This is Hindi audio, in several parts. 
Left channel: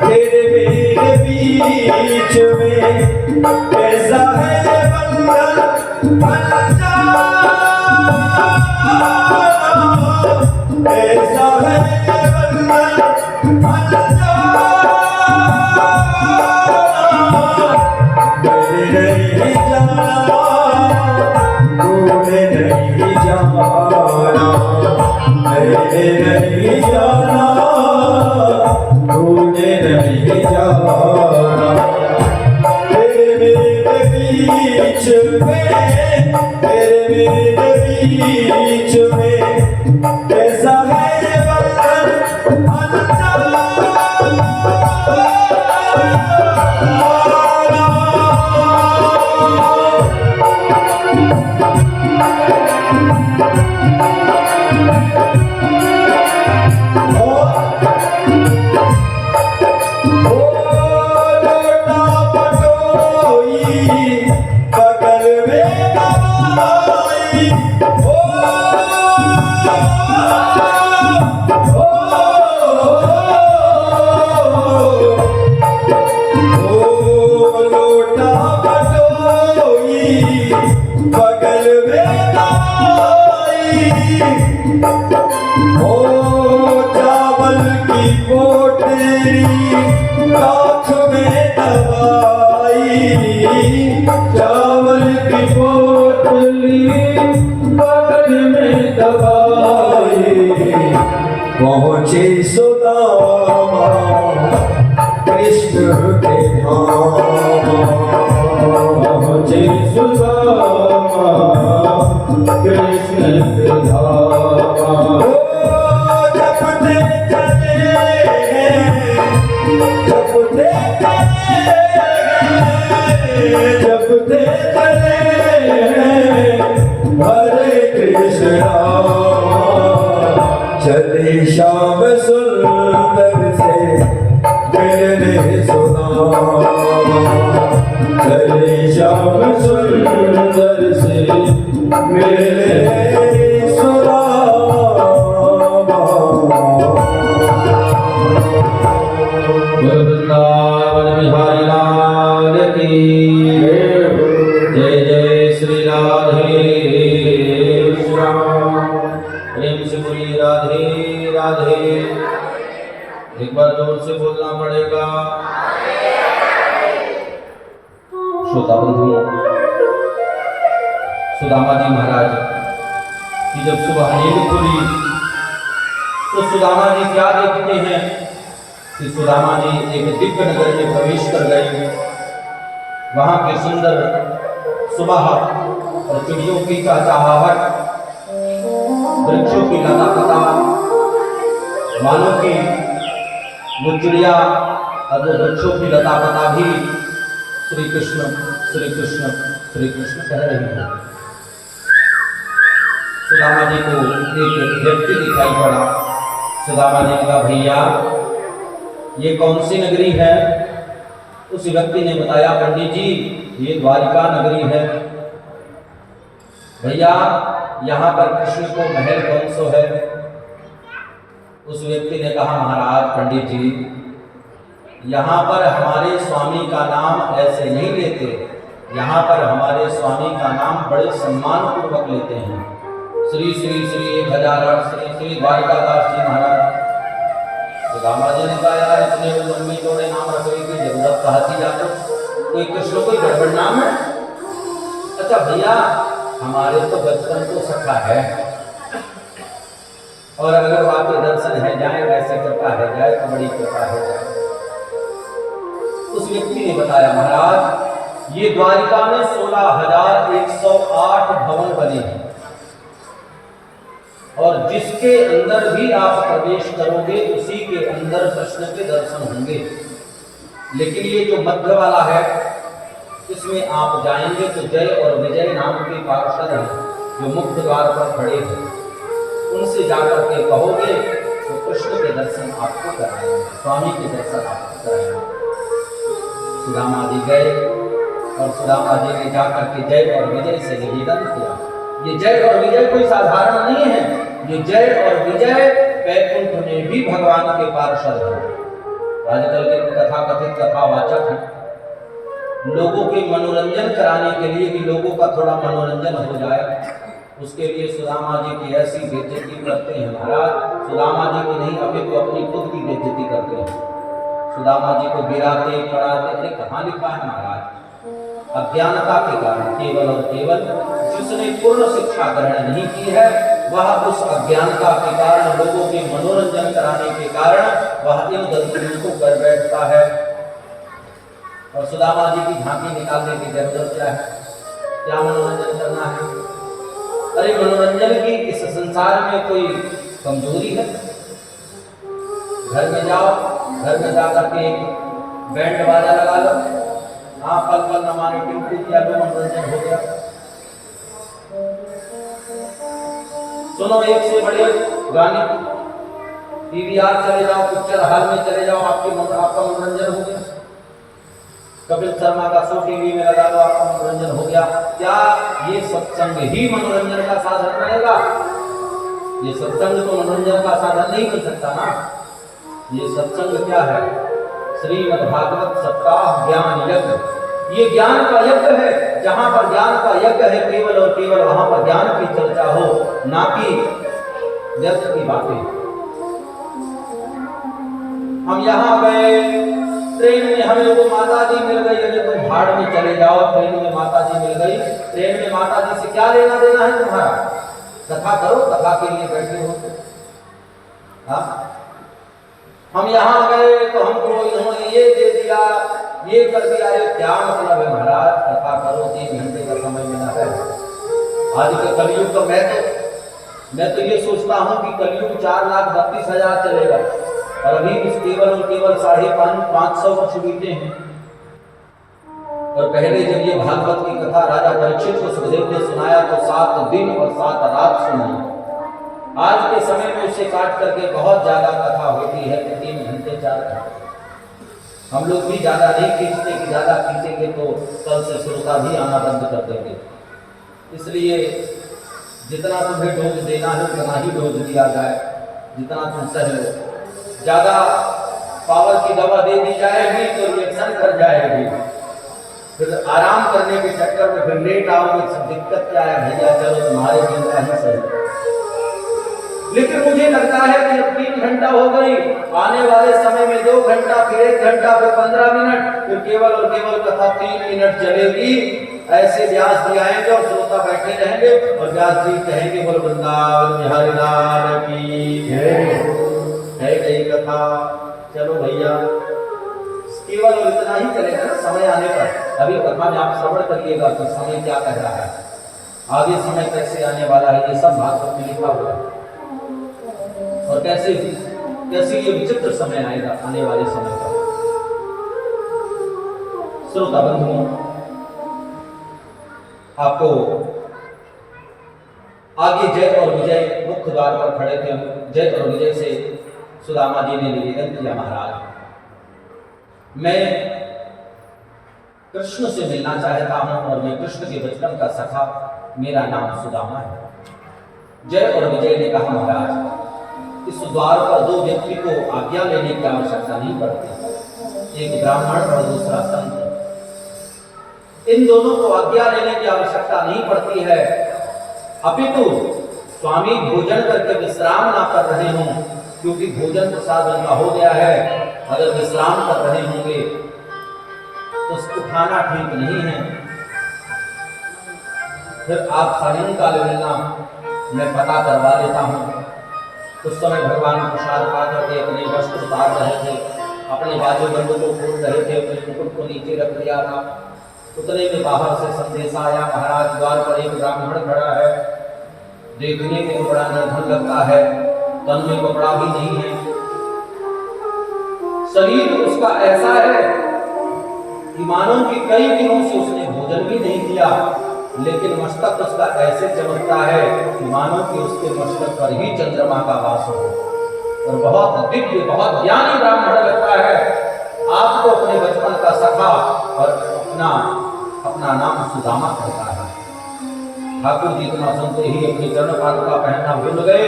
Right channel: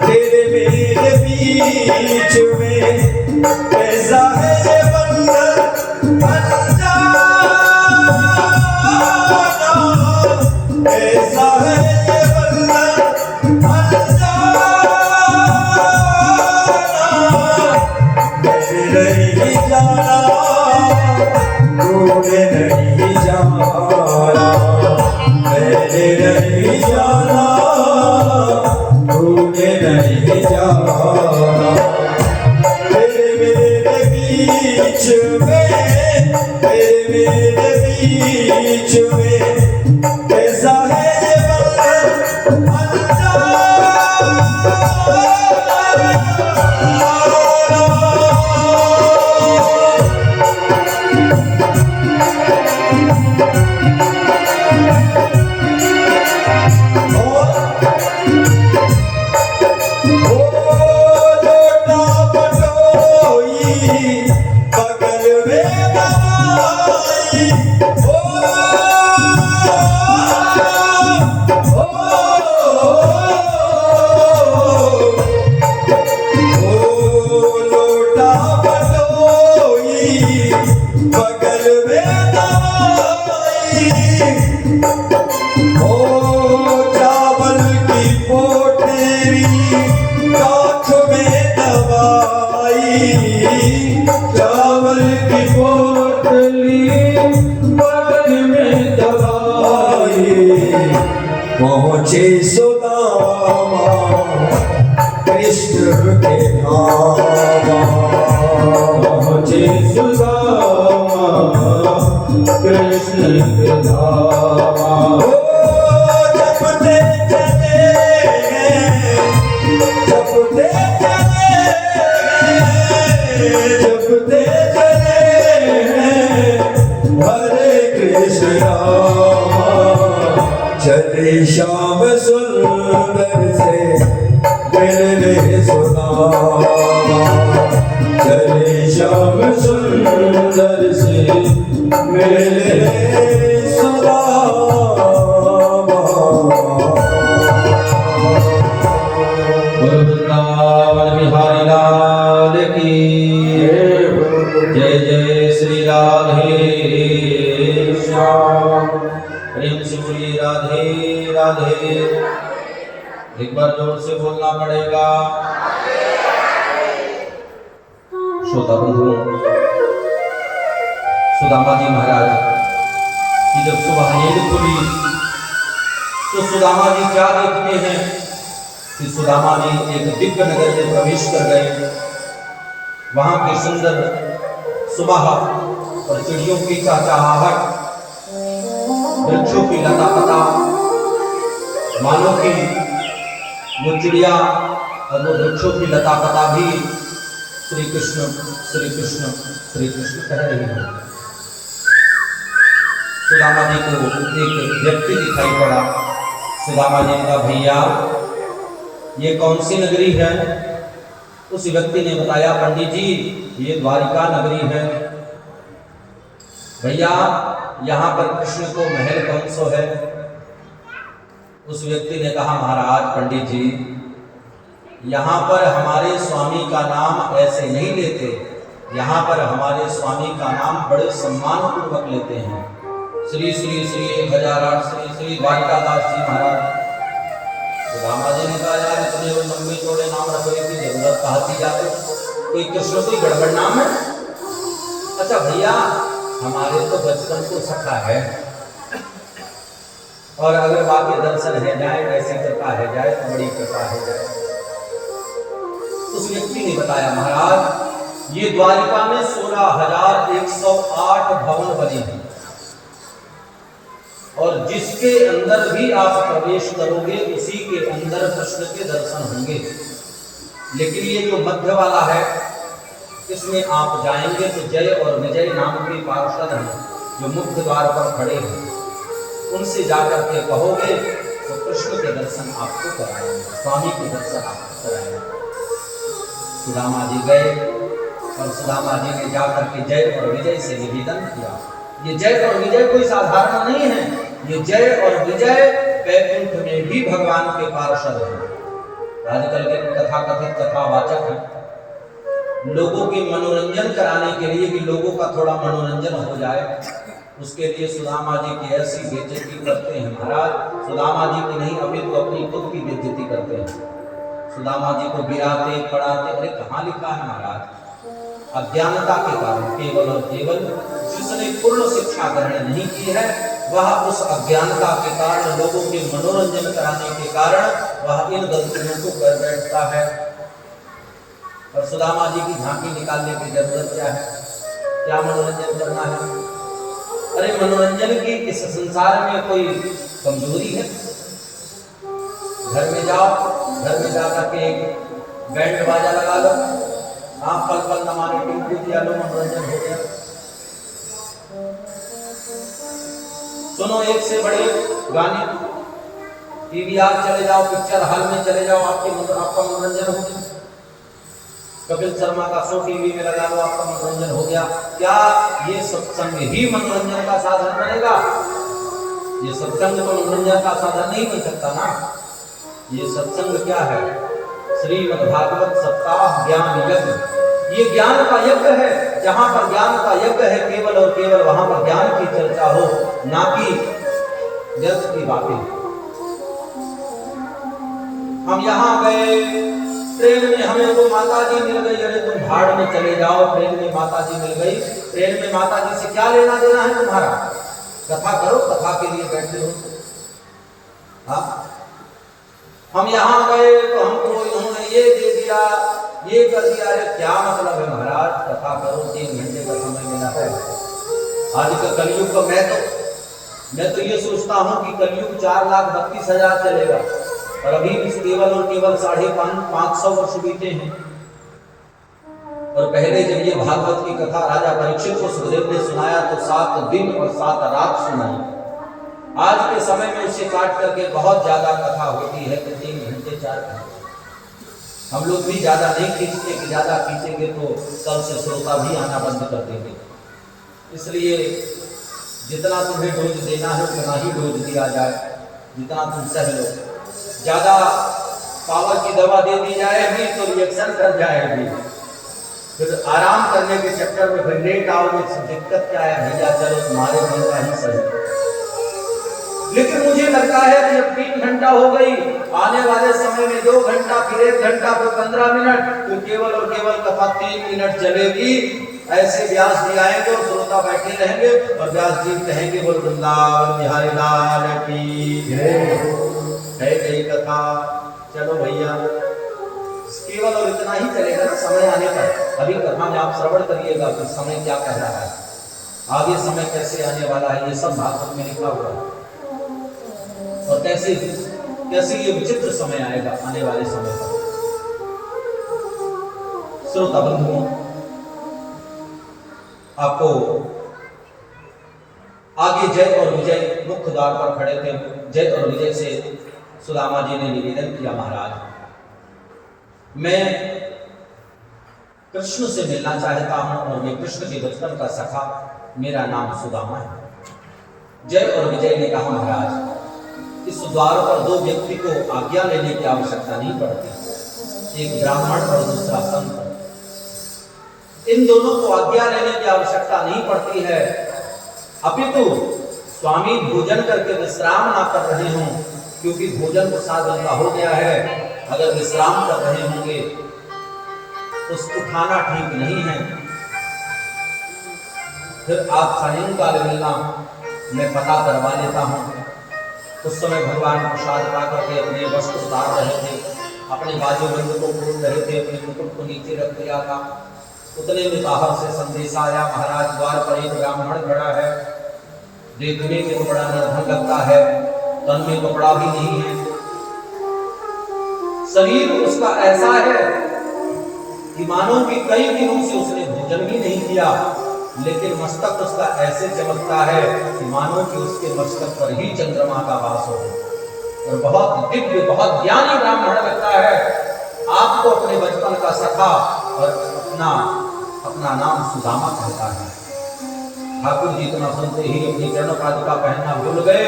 तेरे मेरे बीच में कैसा है ये बंधन अनजाना, कैसा है ये बंधन अनजाना, मैंने नहीं जाना तूने नहीं जाना, मैंने नहीं जाना तूने नहीं जाना, तेरे मेरे बीच में, तेरे मेरे बीच में कैसा है ये बंधन अनजाना। पहुँचे सुदामा कृष्ण के धाम, पहुँचे सुदामा कृष्ण के धाम, जपते चले हैं, जपते चले हैं, जपते चले हैं हरे कृष्ण, चले श्याम सुंदर से मिलने सुदामा, चले श्याम सुंदर से मिलने सुदामा। वृंदावन बिहारी लाल की जय, जय श्री राधे श्याम, प्रेम से बोलिए राधे राधे। एक बार जोर से बोलना पड़ेगा। श्रोता बंधुओं, सुदामा जी महाराज की जब सुबह नींद खुली तो सुदामा जी क्या देखते हैं कि सुदामा जी एक दिव्य नगर में प्रवेश कर गए। वहां की सुंदर सुबह और चिड़ियों की चहचहाहट, वृक्षों की लता पता, मानो कि वो चिड़िया और वो वृक्षों की लता पता भी श्री कृष्ण श्री कृष्ण श्री कृष्ण कह रही है। सुदामा जी को एक व्यक्ति दिखाई पड़ा। सुदामा जी ने कहा, भैया ये कौन सी नगरी है? उस व्यक्ति ने बताया, पंडित जी ये द्वारिका नगरी है। भैया यहाँ पर कृष्ण को महल कौन सो है? उस व्यक्ति ने कहा, महाराज पंडित जी यहाँ पर हमारे स्वामी का नाम ऐसे नहीं लेते, यहाँ पर हमारे स्वामी का नाम बड़े सम्मान पूर्वक लेते हैं। श्री श्री श्री 1008 श्री श्री द्वारिकादास जी महाराज। सुदामा जी ने कहा, यार इतने लंबे चौड़े नाम रखने की जरूरत कहाँ थी? जाकर कोई कृष्ण कोई गड़बड़ नाम है? अच्छा भैया हमारे तो बचपन को सखा है, और अगर वाकई दर्शन है जाए, ऐसी कृपा है जाए तो बड़ी कृपा है जाए। उस व्यक्ति ने बताया, महाराज ये द्वारिका में 16,108 भवन बने हैं, और जिसके अंदर भी आप प्रवेश करोगे उसी के अंदर कृष्ण के दर्शन होंगे। लेकिन ये जो मध्य वाला है इसमें आप जाएंगे तो जय और विजय नाम के पार्षद हैं जो मुख्य द्वार पर खड़े हैं, उनसे जाकर के कहोगे तो कृष्ण के दर्शन आपको कराएंगे, स्वामी के दर्शन आपको कराएंगे। सुदामा जी गए और सुदामा जी ने जाकर के जय और विजय से निवेदन किया। ये जय और विजय कोई साधारण नहीं है, ये जय और विजय वैकुंठ में भी भगवान के पार्षद हैं। आजकल के कथा कथित कथावाचक हैं, लोगों के मनोरंजन कराने के लिए कि लोगों का थोड़ा मनोरंजन हो जाए, उसके लिए सुदामा जी की ऐसी बेइज्जती करते हैं महाराज। सुदामा जी की नहीं, अभी तो अपनी खुद की बेइज्जती करते हैं। सुदामा जी को गिराते पड़ाते, अरे कहाँ लिखा है महाराज? अज्ञानता के कारण, केवल और केवल जिसने पूर्ण शिक्षा ग्रहण नहीं की है, वह उस अज्ञानता के कारण, लोगों के मनोरंजन कराने के कारण वह इन गलतियों को कर बैठता है। और सुदामा जी की झांकी निकालने की जरूरत क्या है? क्या मनोरंजन करना है? अरे मनोरंजन की इस संसार में कोई कमजोरी है? घर में जाओ, घर में जाकर के एक बैंड बाजा लगा लो, आप पल पल न माने टिंकू किया लो, मनोरंजन हो गया। सुनो एक से बड़े गाने, पीवीआर चले जाओ, पिक्चर हॉल में चले जाओ, आपका मनोरंजन हो गया। कपिल शर्मा का शो टीवी में लगा लो, आपका मनोरंजन हो गया। क्या ये सत्संग ही मनोरंजन का साधन बनेगा? ये सत्संग तो मनोरंजन का साधन नहीं बन सकता ना। ये सत्संग क्या है? श्रीमद् भागवत सप्ताह ज्ञान यज्ञ। ये ज्ञान का यज्ञ है। जहां पर ज्ञान का यज्ञ है, केवल और केवल वहां पर ज्ञान की चर्चा हो, ना कि व्यर्थ की बातें। हम यहाँ गए, ट्रेन में हमें वो माता जी मिल गई, अरे तुम भाड़ में चले जाओ, ट्रेन में माता जी मिल गई। ट्रेन में माता जी से क्या लेना देना है तुम्हारा? कथा करो, कथा के लिए बैठे हो। हाँ, हम यहाँ गए तो हमको इन्होंने ये दे दिया, ये कर दिया, अरे क्या मतलब है महाराज? कथा करो, 3 घंटे का समय मिला है। आज का कलयुग तो मैं तो ये सोचता हूँ कि कलयुग 4,32,000 चलेगा, और अभी भी केवल और केवल 550 वर्ष बीते हैं। और पहले जब ये भागवत की कथा राजा परीक्षित को सुखदेव ने सुनाया तो 7 दिन और 7 रात सुनाई। आज के समय में उसे काट करके बहुत ज्यादा कथा होती है कि 3 घंटे 4 घंटे। हम लोग भी ज्यादा नहीं खींचते कि ज्यादा खींचेंगे तो कल से श्रोता भी आना बंद कर देंगे। इसलिए जितना तुम्हें डोज देना है उतना ही डोज दिया जाए, जितना तुम सह लो। ज्यादा पावर की दवा दे दी जाएगी तो रिएक्शन कर जाएगी, फिर आराम करने के चक्कर में फिर लेट आओगे। दिक्कत क्या है भैया? चलो तुम्हारे बनना ही सही। लेकिन मुझे लगता है कि अब 3 घंटा हो गई, आने वाले समय में 2 घंटा, फिर 1 घंटा, फिर 15 मिनट, फिर केवल और केवल कथा 3 मिनट चलेगी। ऐसे व्यास जी आएंगे और श्रोता बैठे रहेंगे और व्यास जी कहेंगे बोल वृंदावन बिहारी लाल की है गई कथा। चलो भैया, केवल और इतना ही चलेगा ना समय आने पर। अभी कथा में आप श्रवण करिएगा तो समय क्या कह रहा है, आगे समय कैसे आने वाला है, ये सब भागवत में लिखा हुआ है। और कैसे ये विचित्र समय आएगा आने वाले समय पर। श्रोता बंधुओं, आपको आगे जय और विजय मुख्य द्वार पर खड़े थे। जय और विजय से सुदामा जी ने निवेदन किया, महाराज मैं कृष्ण से मिलना चाहता हूं और ये कृष्ण के बचपन का सखा, मेरा नाम सुदामा है। जय और विजय ने कहा, महाराज इस द्वार पर 2 व्यक्ति को आज्ञा लेने की आवश्यकता नहीं पड़ती, एक ब्राह्मण और दूसरा संत। इन दोनों को आज्ञा लेने की आवश्यकता नहीं पड़ती है, अपितु स्वामी भोजन करके विश्राम ना कर रहे हों, क्योंकि भोजन प्रसाद उनका हो गया है। अगर विश्राम कर रहे होंगे तो उठाना ठीक नहीं है। फिर आप सायंकाल मिलना, मैं पता करवा लेता हूँ। उस समय भगवान प्रसाद पा करके अपने वस्त्र उतार रहे थे, अपने बाजूबंद को खोल रहे थे, अपने मुकुट को नीचे रख दिया था। उतने में बाहर से संदेश आया, महाराज द्वार पर एक ब्राह्मण खड़ा है, देखने में तो बड़ा निर्धन लगता है, तन में कपड़ा भी नहीं है, शरीर उसका ऐसा है कि मानो कि कई दिनों से उसने भोजन भी नहीं किया, लेकिन मस्तक उसका ऐसे चमकता है कि मानो कि उसके मस्तक पर ही चंद्रमा का वास हो, और बहुत दिव्य, बहुत ज्ञानी ब्राह्मण लगता है। आपको अपने बचपन का सखा और अपना नाम सुदामा कहता है। ठाकुर जी इतना सुनते ही अपनी चरण पादुका पहनना भूल गए,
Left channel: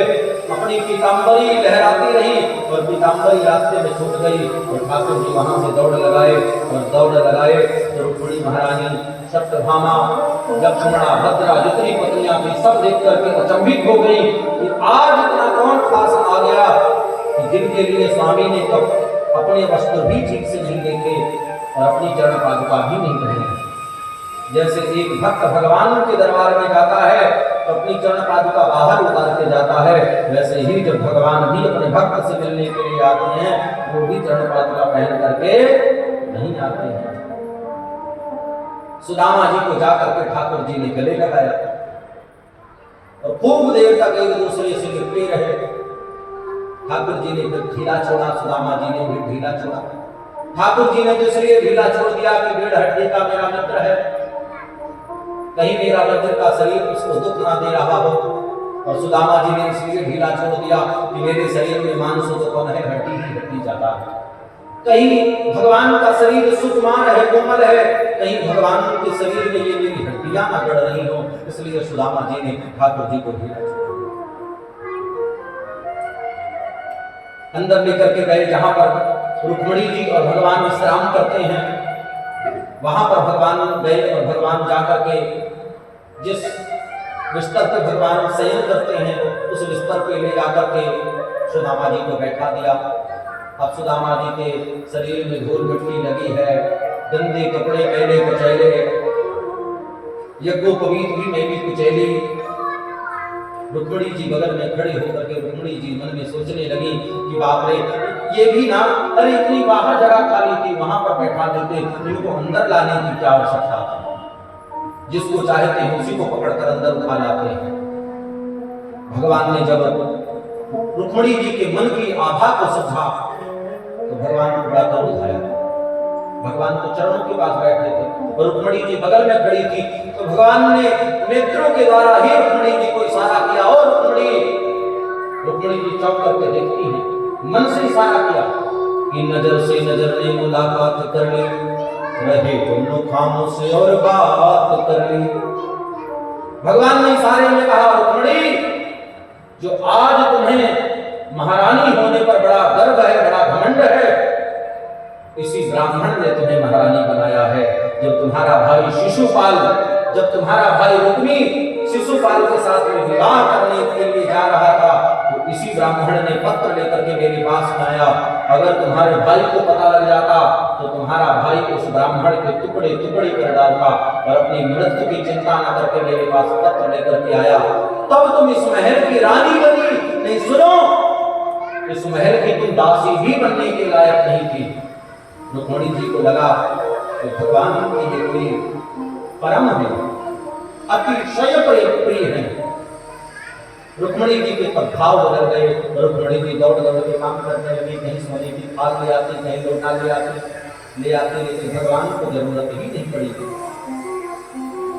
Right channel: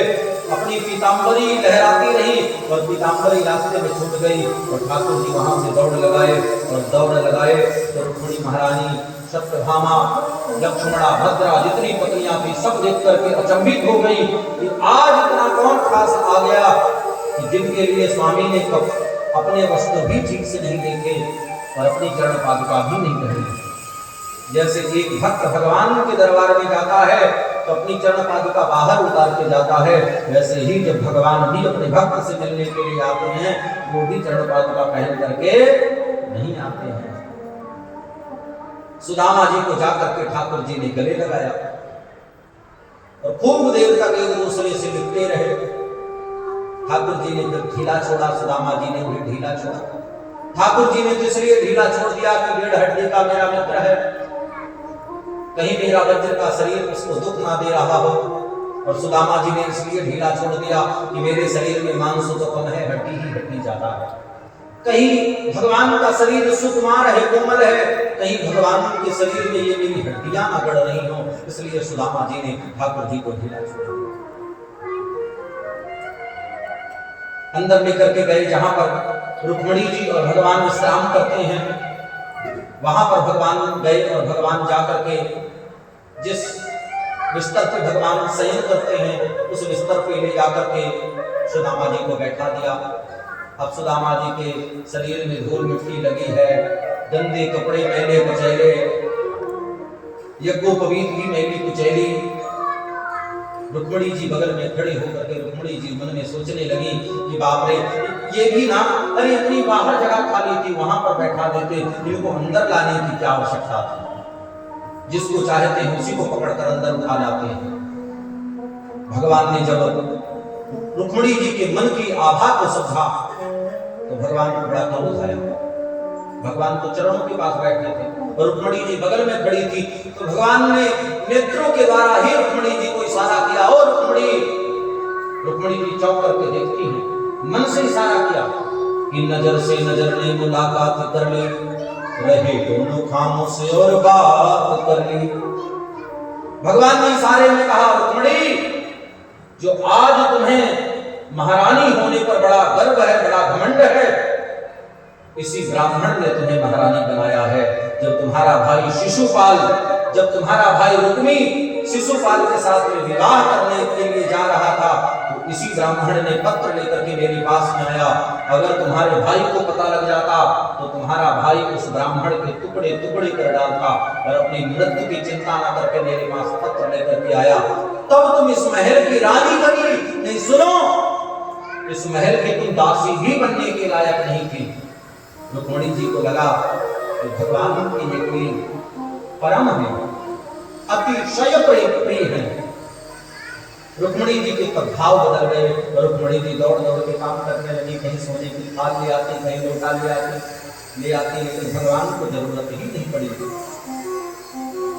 अपनी पीताम्बरी लहराती रही और पीताम्बरी रास्ते में छूट गई और ठाकुर जी वहां से दौड़ लगाए तो रुक्मिणी महारानी, सत्यभामा, लक्ष्मणा, भद्रा जितनी पत्नियां थी सब देख करके अचंभित हो गई कि आज इतना कौन खास आ गया कि जिनके लिए स्वामी ने अपने वस्त्र भी ठीक से नहीं देखे और अपनी चरण पादुका भी नहीं पहनी। जैसे एक भक्त भगवान के दरबार में जाता है तो अपनी चरण पादुका बाहर उतार के जाता है, वैसे ही जब भगवान भी अपने भक्त से मिलने के लिए आते हैं वो भी चरण पादुका पहन करके नहीं आते हैं। सुदामा जी को जाकर के ठाकुर जी ने गले लगाया और खूब देर तक एक दूसरे से लिपटे रहे। ठाकुर जी ने फिर ढीला छोड़ा, सुदामा जी ने भी ढीला छोड़ा। ठाकुर जी ने तो इसलिए ढीला छोड़ दिया कि डेढ़ हड्डी का मेरा मित्र है, कहीं मेरा वज्र का शरीर उसको दुख ना दे रहा हो, और सुदामा जी ने इसलिए ढीला छोड़ दिया कि मेरे शरीर में मांस तो कम है, हड्डी ही हड्डी ज्यादा है। कहीं भगवान का शरीर सुकुमार है, कोमल है, कहीं भगवान के शरीर में ये मेरी हड्डियां ना गड़ रही हो, इसलिए सुदामा जी ने ठाकुर जी को ढीला छोड़ दिया। अंदर लेकर के गए जहां पर रुक्मिणी जी और भगवान विश्राम करते हैं, वहां पर भगवान गए और भगवान जाकर के जिस बिस्तर पे भगवान शयन करते हैं उस बिस्तर पे ले जाकर के सुदामा जी को बैठा दिया। अब सुदामा जी के शरीर में धूल मिट्टी लगी है, गंदे कपड़े मैले कुचैले, यज्ञोपवीत भी मैली कुचैली। रुक्मिणी जी बगल में खड़ी होकर के रुक्मिणी जी मन में सोचने लगी कि बाप रे, ये भी ना, अरे इतनी बाहर जगह खाली थी वहां पर बैठा देते, इनको अंदर लाने की क्या आवश्यकता थी। जिसको चाहते हैं उसी को पकड़कर अंदर उठा लाते हैं। भगवान ने जब रुक्मिणी जी के मन की आभा को समझा तो भगवान को बड़ा क्रोध आया। भगवान तो चरणों के पास बैठे थे और रुक्मिणी जी बगल में खड़ी थी, तो भगवान ने नेत्रों के द्वारा ही रुक्मिणी जी को इशारा किया, ओ रुक्मिणी। रुक्मिणी जी चौंक करके देखती हैं, मन से इशारा किया कि नजर से नजर ने मुलाकात कर ली, रहे दोनों खामोश और बात कर ली। भगवान ने इशारे में कहा, रुक्मिणी, जो आज तुम्हें महारानी होने पर बड़ा गर्व है, बड़ा घमंड है, इसी ब्राह्मण ने तुम्हें महारानी बनाया है। जब तुम्हारा भाई शिशुपाल, जब तुम्हारा भाई रुक्मी शिशुपाल के साथ में विवाह करने के लिए जा रहा था तो इसी ब्राह्मण ने पत्र लेकर के मेरे पास में आया। अगर तुम्हारे भाई को पता लग जाता तो तुम्हारा भाई उस ब्राह्मण के टुकड़े टुकड़े कर डालता, और अपनी मृत्यु की चिंता न करके मेरे पास पत्र लेकर के आया। तब तुम इस महल की रानी बनी। नहीं, सुनो, इस महल की तुम दासी भी बनने के लायक नहीं थी। रुक्मिणी जी को लगा कि भगवान की ये कोई परम है, अतिशय प्रिय है। रुक्मिणी जी के तब भाव बदल गए। रुक्मिणी जी दौड़ दौड़ के काम करने लगी, कहीं सोने की थाल ले आती, कहीं लोटा ले आती, लेकिन भगवान को जरूरत ही नहीं पड़ी।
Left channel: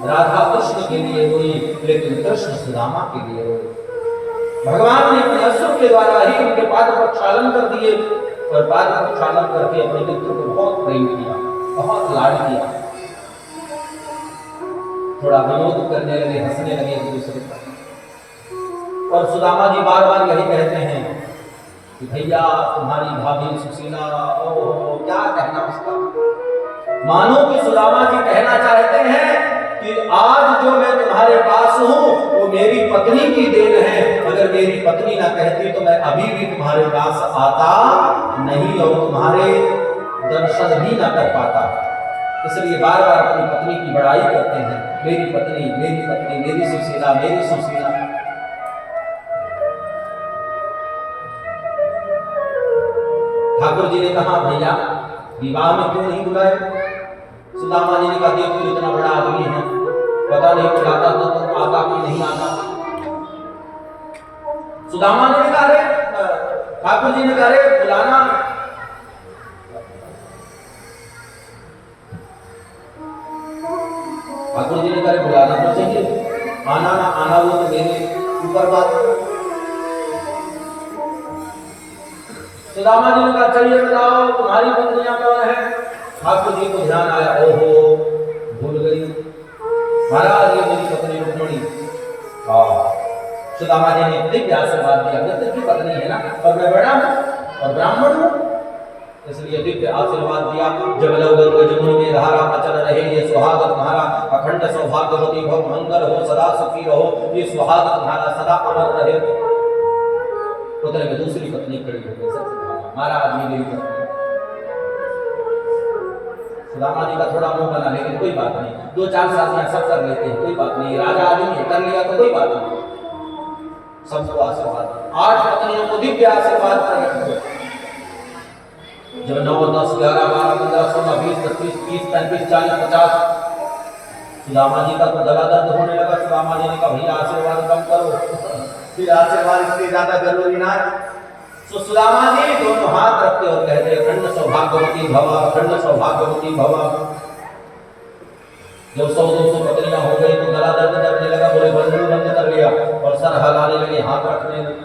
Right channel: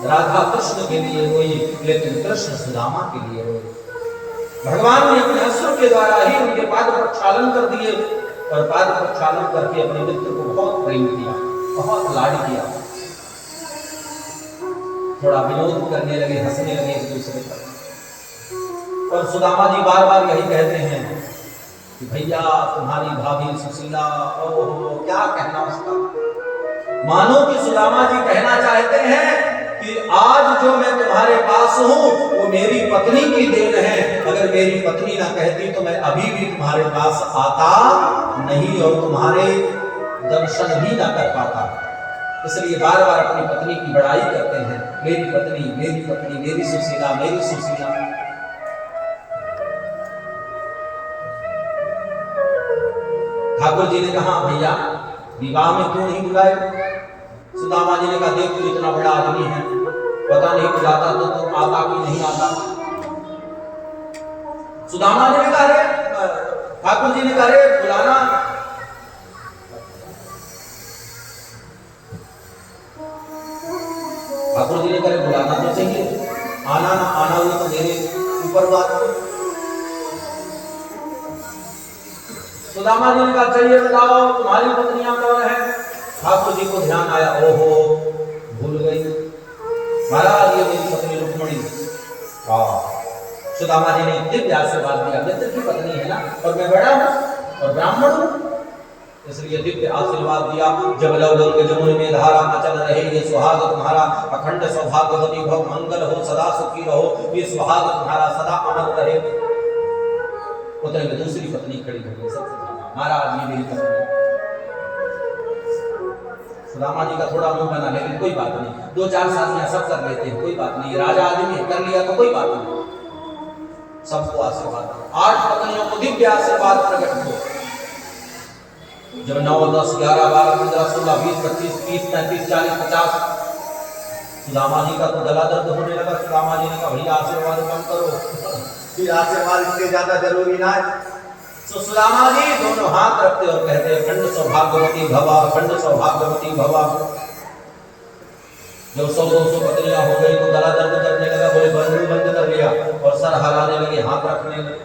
राधा कृष्ण के लिए रोई, लेकिन कृष्ण सुदामा के लिए रोई। भगवान ने अपने अश्रु के द्वारा ही उनके पाद प्रक्षालन कर दिए और पाद प्रक्षालन करके अपने मित्र को बहुत प्रेम किया, बहुत लाड किया। थोड़ा विनोद करने लगे, हंसने लगे एक दूसरे पर। और सुदामा जी बार बार यही कहते हैं कि भैया तुम्हारी भाभी सुशीला, ओहो क्या कहना उसका। मानो कि सुदामा जी कहना चाहते हैं कि आज जो मैं तुम्हारे पास हूं वो मेरी पत्नी की देन है। अगर मेरी पत्नी ना कहती तो मैं अभी भी तुम्हारे पास आता नहीं और तुम्हारे दर्शन भी ना कर पाता। इसलिए बार बार अपनी पत्नी की बड़ाई करते हैं, मेरी पत्नी, मेरी पत्नी, मेरी सुशीला, मेरी सुशीला। ठाकुर जी ने कहा, भैया विवाह में क्यों नहीं बुलाए? सुदामा जी ने कहा, देख तू इतना बड़ा आदमी है, पता नहीं बुलाता तो तुम आता कि नहीं आता। सुदामा ने कहा, ठाकुर जी ने कहा, बुलाना। ठाकुर जी ने कहा, बुलाना तो चाहिए, आना ना आना वो तो मेरे ऊपर बात। सुदामा जी ने कहा, चलिए बताओ तुम्हारी पत्नियां कौन है? ठाकुर जी को ध्यान आया, ओहो भूल गई महाराज, ये मेरी पत्नी रुक्मिणी। सुदामा जी ने दिव्य आशीर्वाद दिया, मित्र की पत्नी है ना, और मैं बड़ा हूँ और ब्राह्मण हूँ, इसलिए दिव्य आशीर्वाद दिया। जब लव गंग जमुन में धारा अचल रहे, ये सुहाग तुम्हारा अखंड सौभाग्यवती भव, मंगल हो, सदा सुखी रहो, ये सुहाग तुम्हारा सदा अमर रहे। उतने में दूसरी पत्नी खड़ी हो गई, महाराज ये मेरी पत्नी। सुदामा जी का थोड़ा मुंह बना, लेकिन कोई बात नहीं, 2-4 शादियां सब कर लेते हैं, कोई बात नहीं, राजा आदमी है, कर लिया तो कोई बात नहीं। सबको आशीर्वाद, 8 पत्नियों को दिव्य आशीर्वाद प्रकट हुआ। जब 9, 10, 11, 12, 15, 16, 20, 25, 30, 35, 40, 50 सुदामा जी का तो गला दर्द होने लगा। सुदामा जी ने कहा भैया आशीर्वाद कम करो, फिर आशीर्वाद इससे ज्यादा जरूरी ना है। तो सुदामा जी दोनों हाथ रखते और कहते खंड सौभाग्यवती भवा, खंड सौभाग्यवती भवा। जब 100-200 पत्नियां हो गई तो गला दर्द करने लगा, बोले बंद कर लिया और सर हिलाने लगे, हाथ रखने लगे।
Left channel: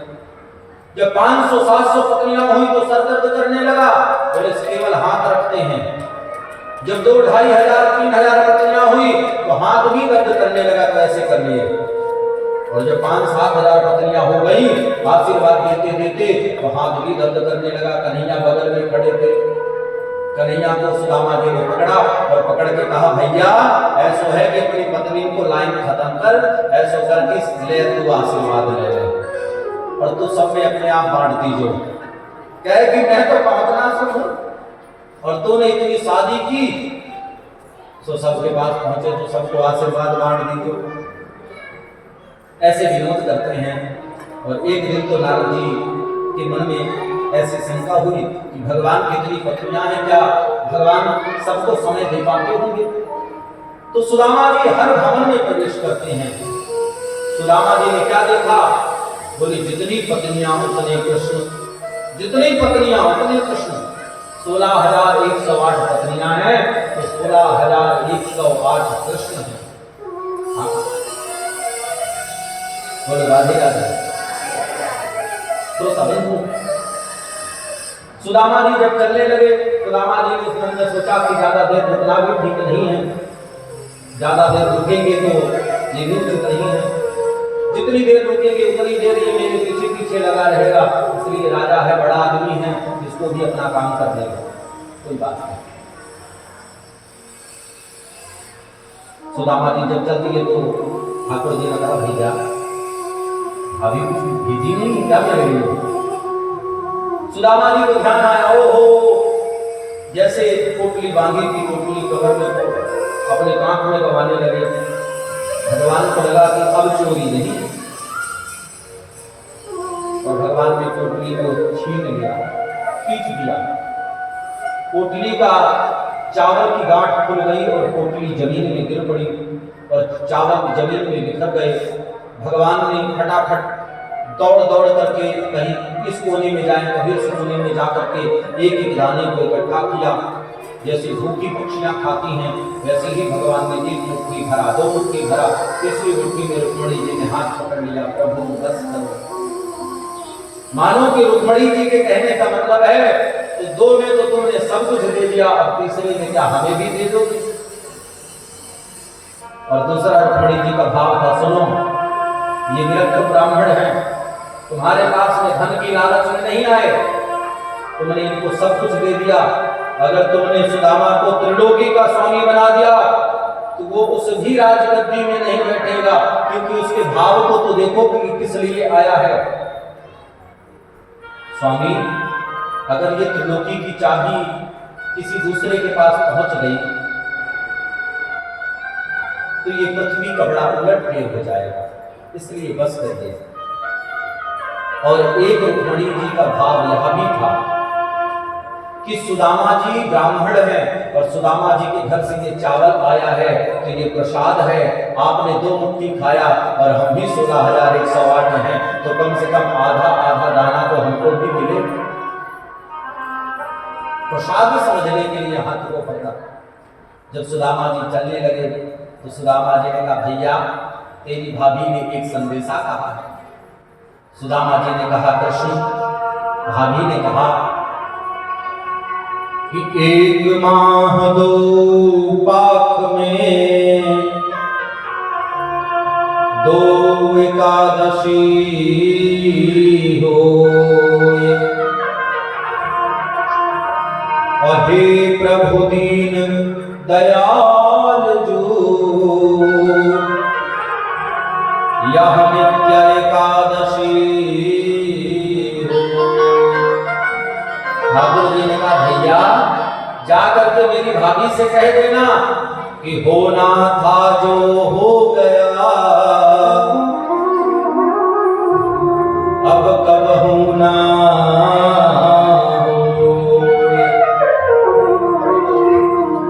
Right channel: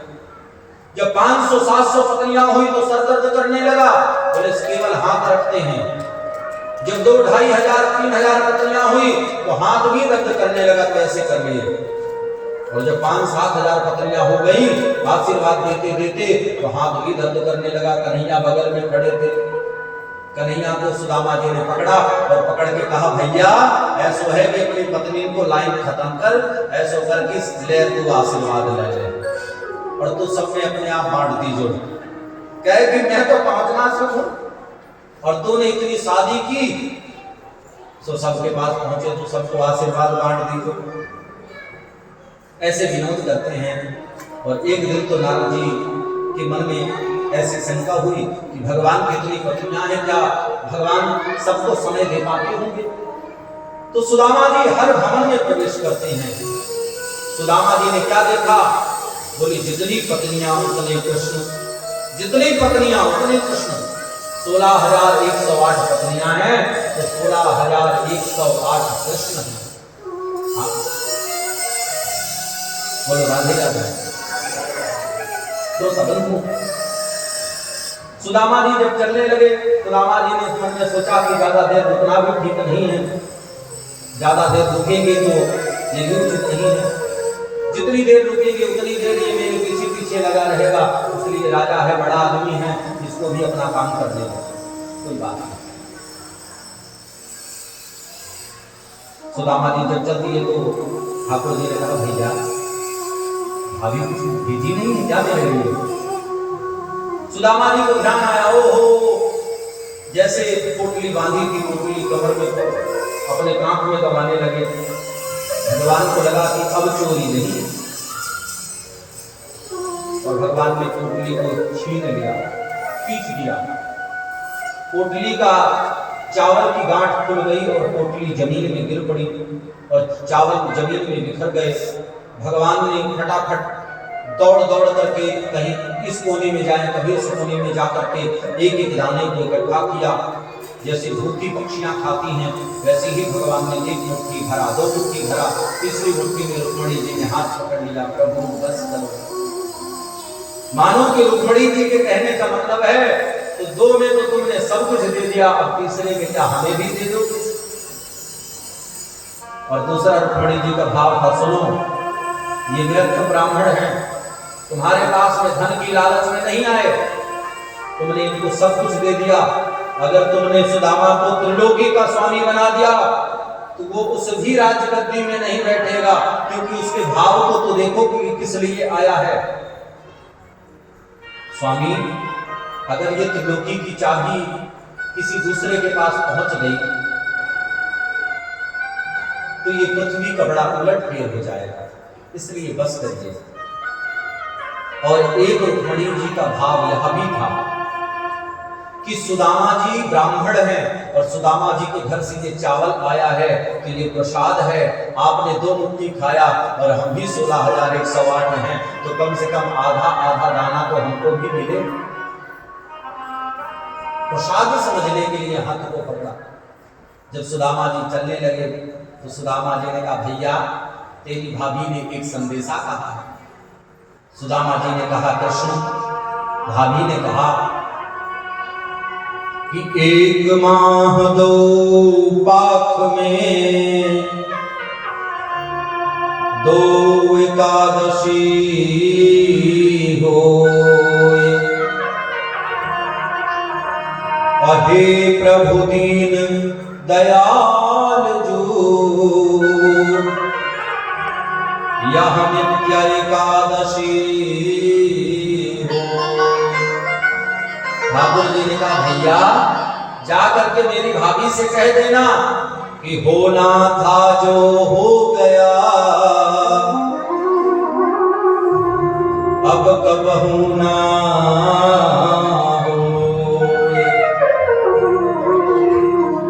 जब 500-700 पत्नियां हुई तो सर दर्द करने लगा, बोले केवल हाथ रखते हैं। जब 2,500-3,000 पत्नियां हुई तो हाथ भी दर्द करने लगा, तो ऐसे कर लिए। और जब 5-7 हजार पत्नियां हो गई आशीर्वाद देते देते तो हाथ भी दर्द करने लगा। कन्हैया बगल में खड़े थे, कन्हैया को सुदामा जी ने पकड़ा और पकड़ के कहा भैया ऐसो है कि अपनी पत्नी को लाइन खत्म कर, ऐसो कर किस ले तू आशीर्वाद ले ले और तू सब में अपने आप बांट दीजो। कहे कि मैं तो 5 मास हूं और तूने इतनी शादी की, तो सबके पास पहुंचे तो सबको आशीर्वाद बांट दीजो। ऐसे विनोद करते हैं। और एक दिन तो नारद जी के मन में ऐसी शंका हुई कि भगवान की इतनी पत्नियां हैं, क्या भगवान सबको समय दे पाते होंगे? तो सुदामा जी हर भवन में प्रवेश करते हैं। सुदामा जी ने क्या देखा? बोली जितनी पत्नियां उतने कृष्ण, जितनी पत्नियां उतने कृष्ण। 16,108 पत्नियां हैं तो 16,108 कृष्ण हैं। बोलो राधे राधे। तो सबंधु सुदामा जी जब चलने लगे, सुदामा जी ने मन में सोचा कि ज्यादा देर रुकना भी ठीक नहीं है, ज्यादा देर रुकेंगे तो ये भी उचित नहीं है। जितनी देर रुकेंगे उतनी देर ये मेरे पीछे पीछे लगा रहेगा, इसलिए राजा है, बड़ा आदमी है, इसको भी अपना काम कर देगा, कोई बात नहीं। सुदामा जी जब चल दिए तो ठाकुर जी ने कहा भैया अभी कुछ बिजी नहीं है क्या मेरे लिए? सुदामा जी को ध्यान आया, ओहो जैसे पोटली बांधी थी, पोटली कवर में अपने कांख में दबाने लगे। भगवान को लगा कि अब चोरी नहीं, और भगवान ने पोटली को छीन लिया, खींच दिया। पोटली का चावल की गांठ खुल गई और पोटली जमीन में गिर पड़ी और चावल जमीन में बिखर गए। भगवान ने फटाफट दौड़ दौड़ करके कहीं इस कोने में जाए, कहीं इस कोने में जाकर के एक एक दाने को इकट्ठा किया। जैसे भूखी पक्षियां खाती हैं वैसे ही भगवान ने 1 मुट्ठी भरा, 2 मुट्ठी भरा, तीसरी मुट्ठी में रुक्मणी जी ने हाथ पकड़ लिया, प्रभु बस करो। मानो कि रुक्मणी जी के कहने का मतलब है तो 2 में तो तुमने सब कुछ दे दिया, अब तीसरे में क्या हमें भी दे दो? और दूसरा रुक्मणी जी का भाव था, सुनो ये विरक्त ब्राह्मण हैं, तुम्हारे पास में धन की लालच में नहीं आए, तुमने इनको सब कुछ दे दिया। अगर तुमने सुदामा को त्रिलोकी का स्वामी बना दिया तो वो उस भी राजगद्दी में नहीं बैठेगा, क्योंकि उसके भाव को तो देखो कि किस लिए आया है। स्वामी अगर ये त्रिलोकी की चाबी किसी दूसरे के पास पहुंच गई तो ये पृथ्वी का बड़ा उलटफेर हो जाएगा, इसलिए बस करिए। और एक रुक्मणी जी का भाव यह भी था कि सुदामा जी ब्राह्मण हैं और सुदामा जी के घर से ये चावल आया है तो ये प्रसाद है, आपने 2 मुट्ठी खाया और हम भी 16,108 हैं, तो कम से कम आधा आधा दाना तो हमको भी मिले। प्रसाद समझने के लिए हाथ को पकड़ा। जब सुदामा जी चलने लगे तो सुदामा जी ने कहा भैया तेरी भाभी ने एक संदेशा कहा है। सुदामा जी ने कहा कृष्ण? भाभी ने कहा कि 1 माह 2 पाख में दो एकादशी होय। अहे प्रभु दीन दयाल जो, यह नित्य एकादशी हो। ठाकुर जी ने कहा भैया जा करके मेरी भाभी से कह देना कि होना था जो हो गया, अब कबहू ना होए।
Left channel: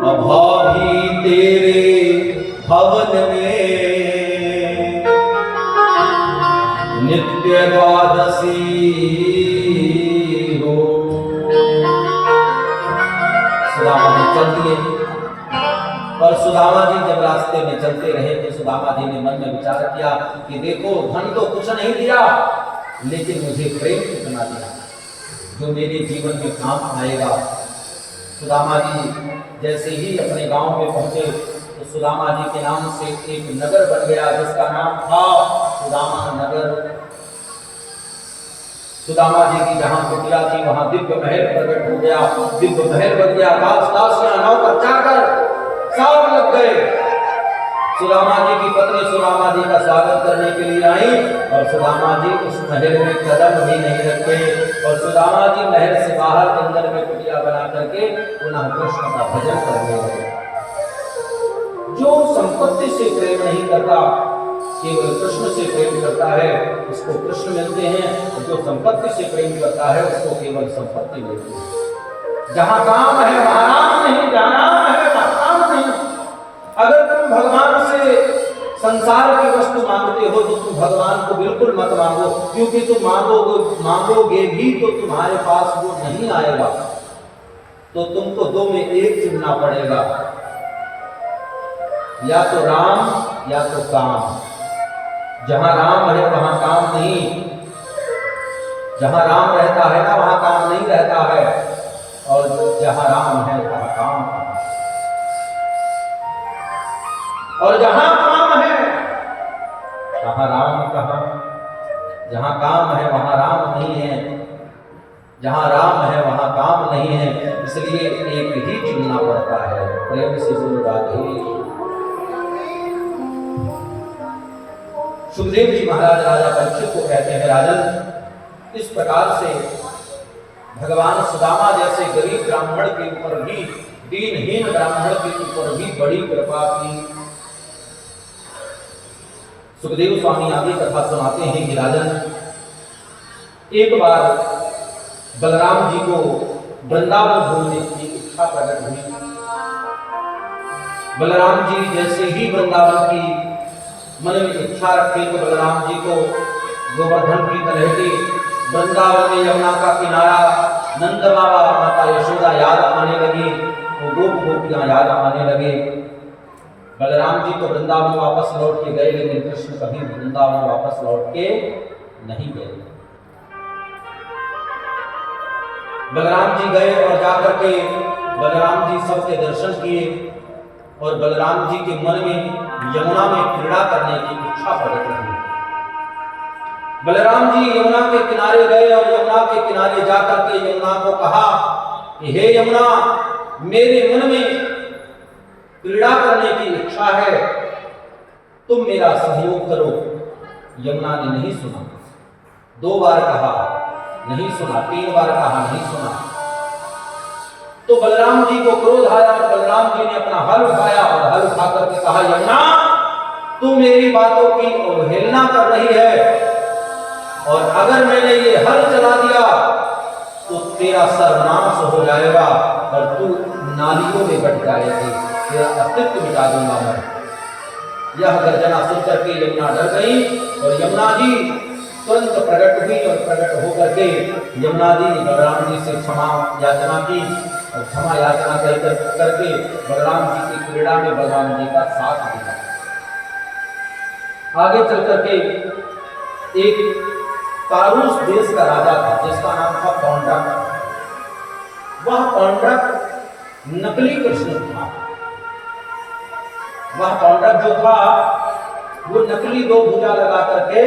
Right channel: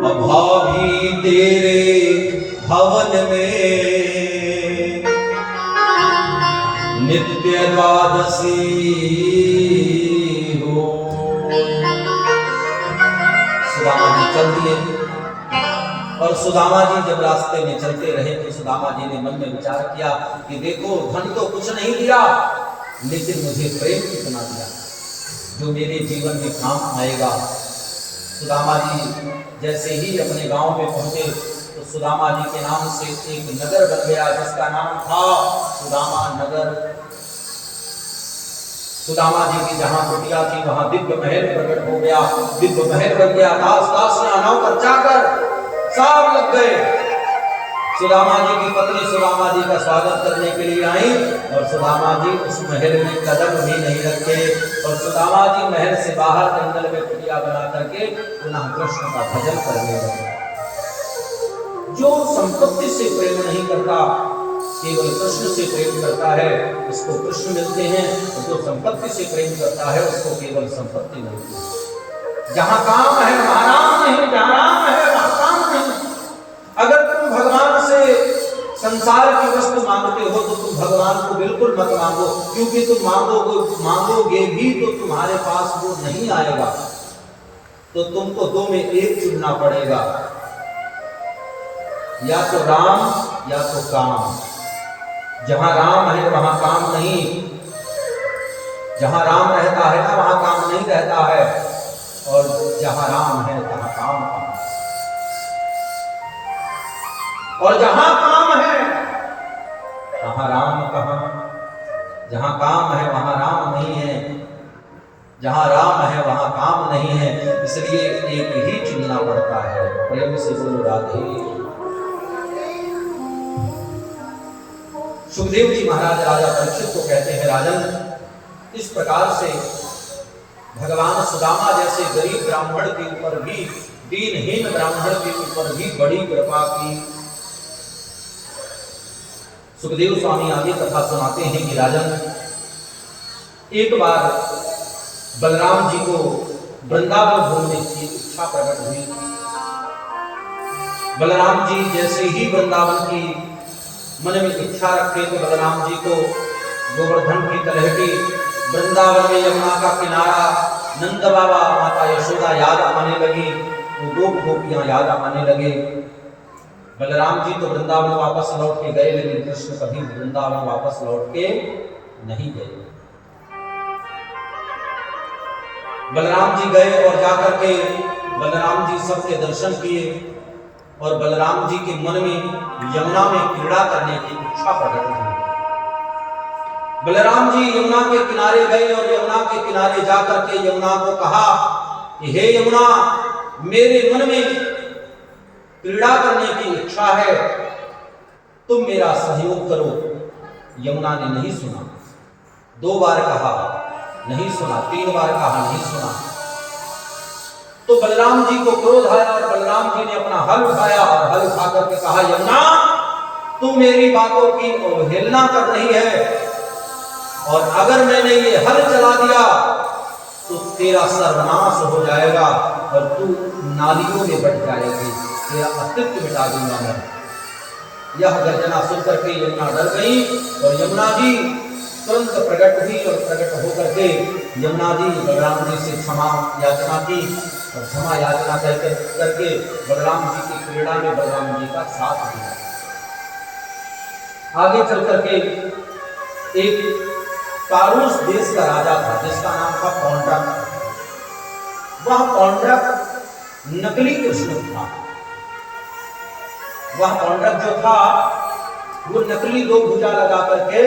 अभावी तेरे भवन में नित्य द्वादशी हो। सुदामा जी चल दिए और सुदामा जी जब रास्ते में चलते रहे तो सुदामा जी ने मन में विचार किया कि देखो धन तो कुछ नहीं दिया, लेकिन मुझे प्रेम कितना दिया जो मेरे जीवन में काम आएगा। सुदामा जी जैसे ही अपने गांव में पहुंचे तो सुदामा जी के नाम से एक नगर बन गया जिसका नाम था सुदामा नगर। सुदामा जी की जहां कुटिया थी वहां दिव्य महल प्रकट हो गया, दिव्य महल बन गया। दासियां नाव पर जाकर साल लग गए। सुदामा जी की पत्नी सुदामा जी का स्वागत करने के लिए आई और सुदामा जी उस महल में कदम भी नहीं रखते और सुदामा जी महल से बाहर अंदर में कुटिया बना करके पुनः कृष्ण का भजन करने लगे। जो संपत्ति से प्रेम नहीं करता, केवल कृष्ण से प्रेम करता है, उसको कृष्ण मिलते हैं, और जो संपत्ति से प्रेम करता है उसको केवल संपत्ति मिलती है। जहां काम है वहां राम नहीं, जहां राम है वहां काम नहीं। अगर तुम भगवान से संसार की वस्तु मांगते हो तो तुम भगवान को बिल्कुल मत मांगो, क्योंकि तुम मांगोगे भी तो तुम्हारे पास वो नहीं आएगा। तो तुमको दो में एक चुनना पड़ेगा, या तो राम या तो काम। जहां राम है वहां काम नहीं, जहां राम रहता है ना वहां काम नहीं रहता है, और जहां राम है वहां काम है। और जहां काम है वहां राम कहाँ? जहां काम है वहां राम नहीं है, जहां राम है वहां काम नहीं है, इसलिए एक ही चुनना पड़ता है। प्रेम से बोलो राधे। सुखदेव जी महाराज राजा परीक्षित को कहते हैं, राजन, इस प्रकार से भगवान सुदामा जैसे गरीब ब्राह्मण के ऊपर भी, दीनहीन ब्राह्मण के ऊपर भी बड़ी कृपा की। सुखदेव स्वामी आगे कथा सुनाते हैं कि राजन, एक बार बलराम जी को वृंदावन घूमने की इच्छा प्रकट हुई। बलराम जी जैसे ही वृंदावन की मन में इच्छा रखे तो बलराम जी को गोवर्धन की तलहटी, वृंदावन में यमुना का किनारा, नंद बाबा, माता यशोदा याद आने लगी, वो दो गोपियां याद आने लगे। बलराम जी तो वृंदावन वापस लौट के गए, लेकिन कृष्ण कभी वृंदावन वापस लौट के नहीं गए। बलराम जी गए और जाकर के बलराम जी सबके दर्शन किए और बलराम जी के मन में यमुना में क्रीड़ा करने की इच्छा प्रकट हुई। बलराम जी यमुना के किनारे गए और यमुना के किनारे जाकर के यमुना को कहा कि हे यमुना, मेरे मन में क्रीड़ा करने की इच्छा है, तुम मेरा सहयोग करो। यमुना ने नहीं सुना। 2 बार कहा नहीं सुना, 3 बार कहा नहीं सुना। तो बलराम जी को क्रोध आया और बलराम जी ने अपना हल उठाया और हल उठा करके कहा, यमुना, तू मेरी बातों की अवहेलना कर रही है, और अगर मैंने ये हल चला दिया तो तेरा सर्वनाश हो जाएगा और तू नालियों में बट जाएगी, तेरा अस्तित्व मिटा दूंगा मैं। यह गर्जना सुनकर के यमुना डर गई और यमुना जी तुरंत प्रकट हुई और प्रकट होकर के यमुना जी ने बलराम जी से क्षमा याचना की और क्षमा याचना करके बलराम जी की क्रीड़ा में बलराम जी का साथ दिया। आगे चल करके एक पारूस देश का राजा था जिसका नाम था पौंड्रक। वह पौंड्रक नकली कृष्ण था। वह पौंड्रक जो था वो नकली दो भुजा लगा करके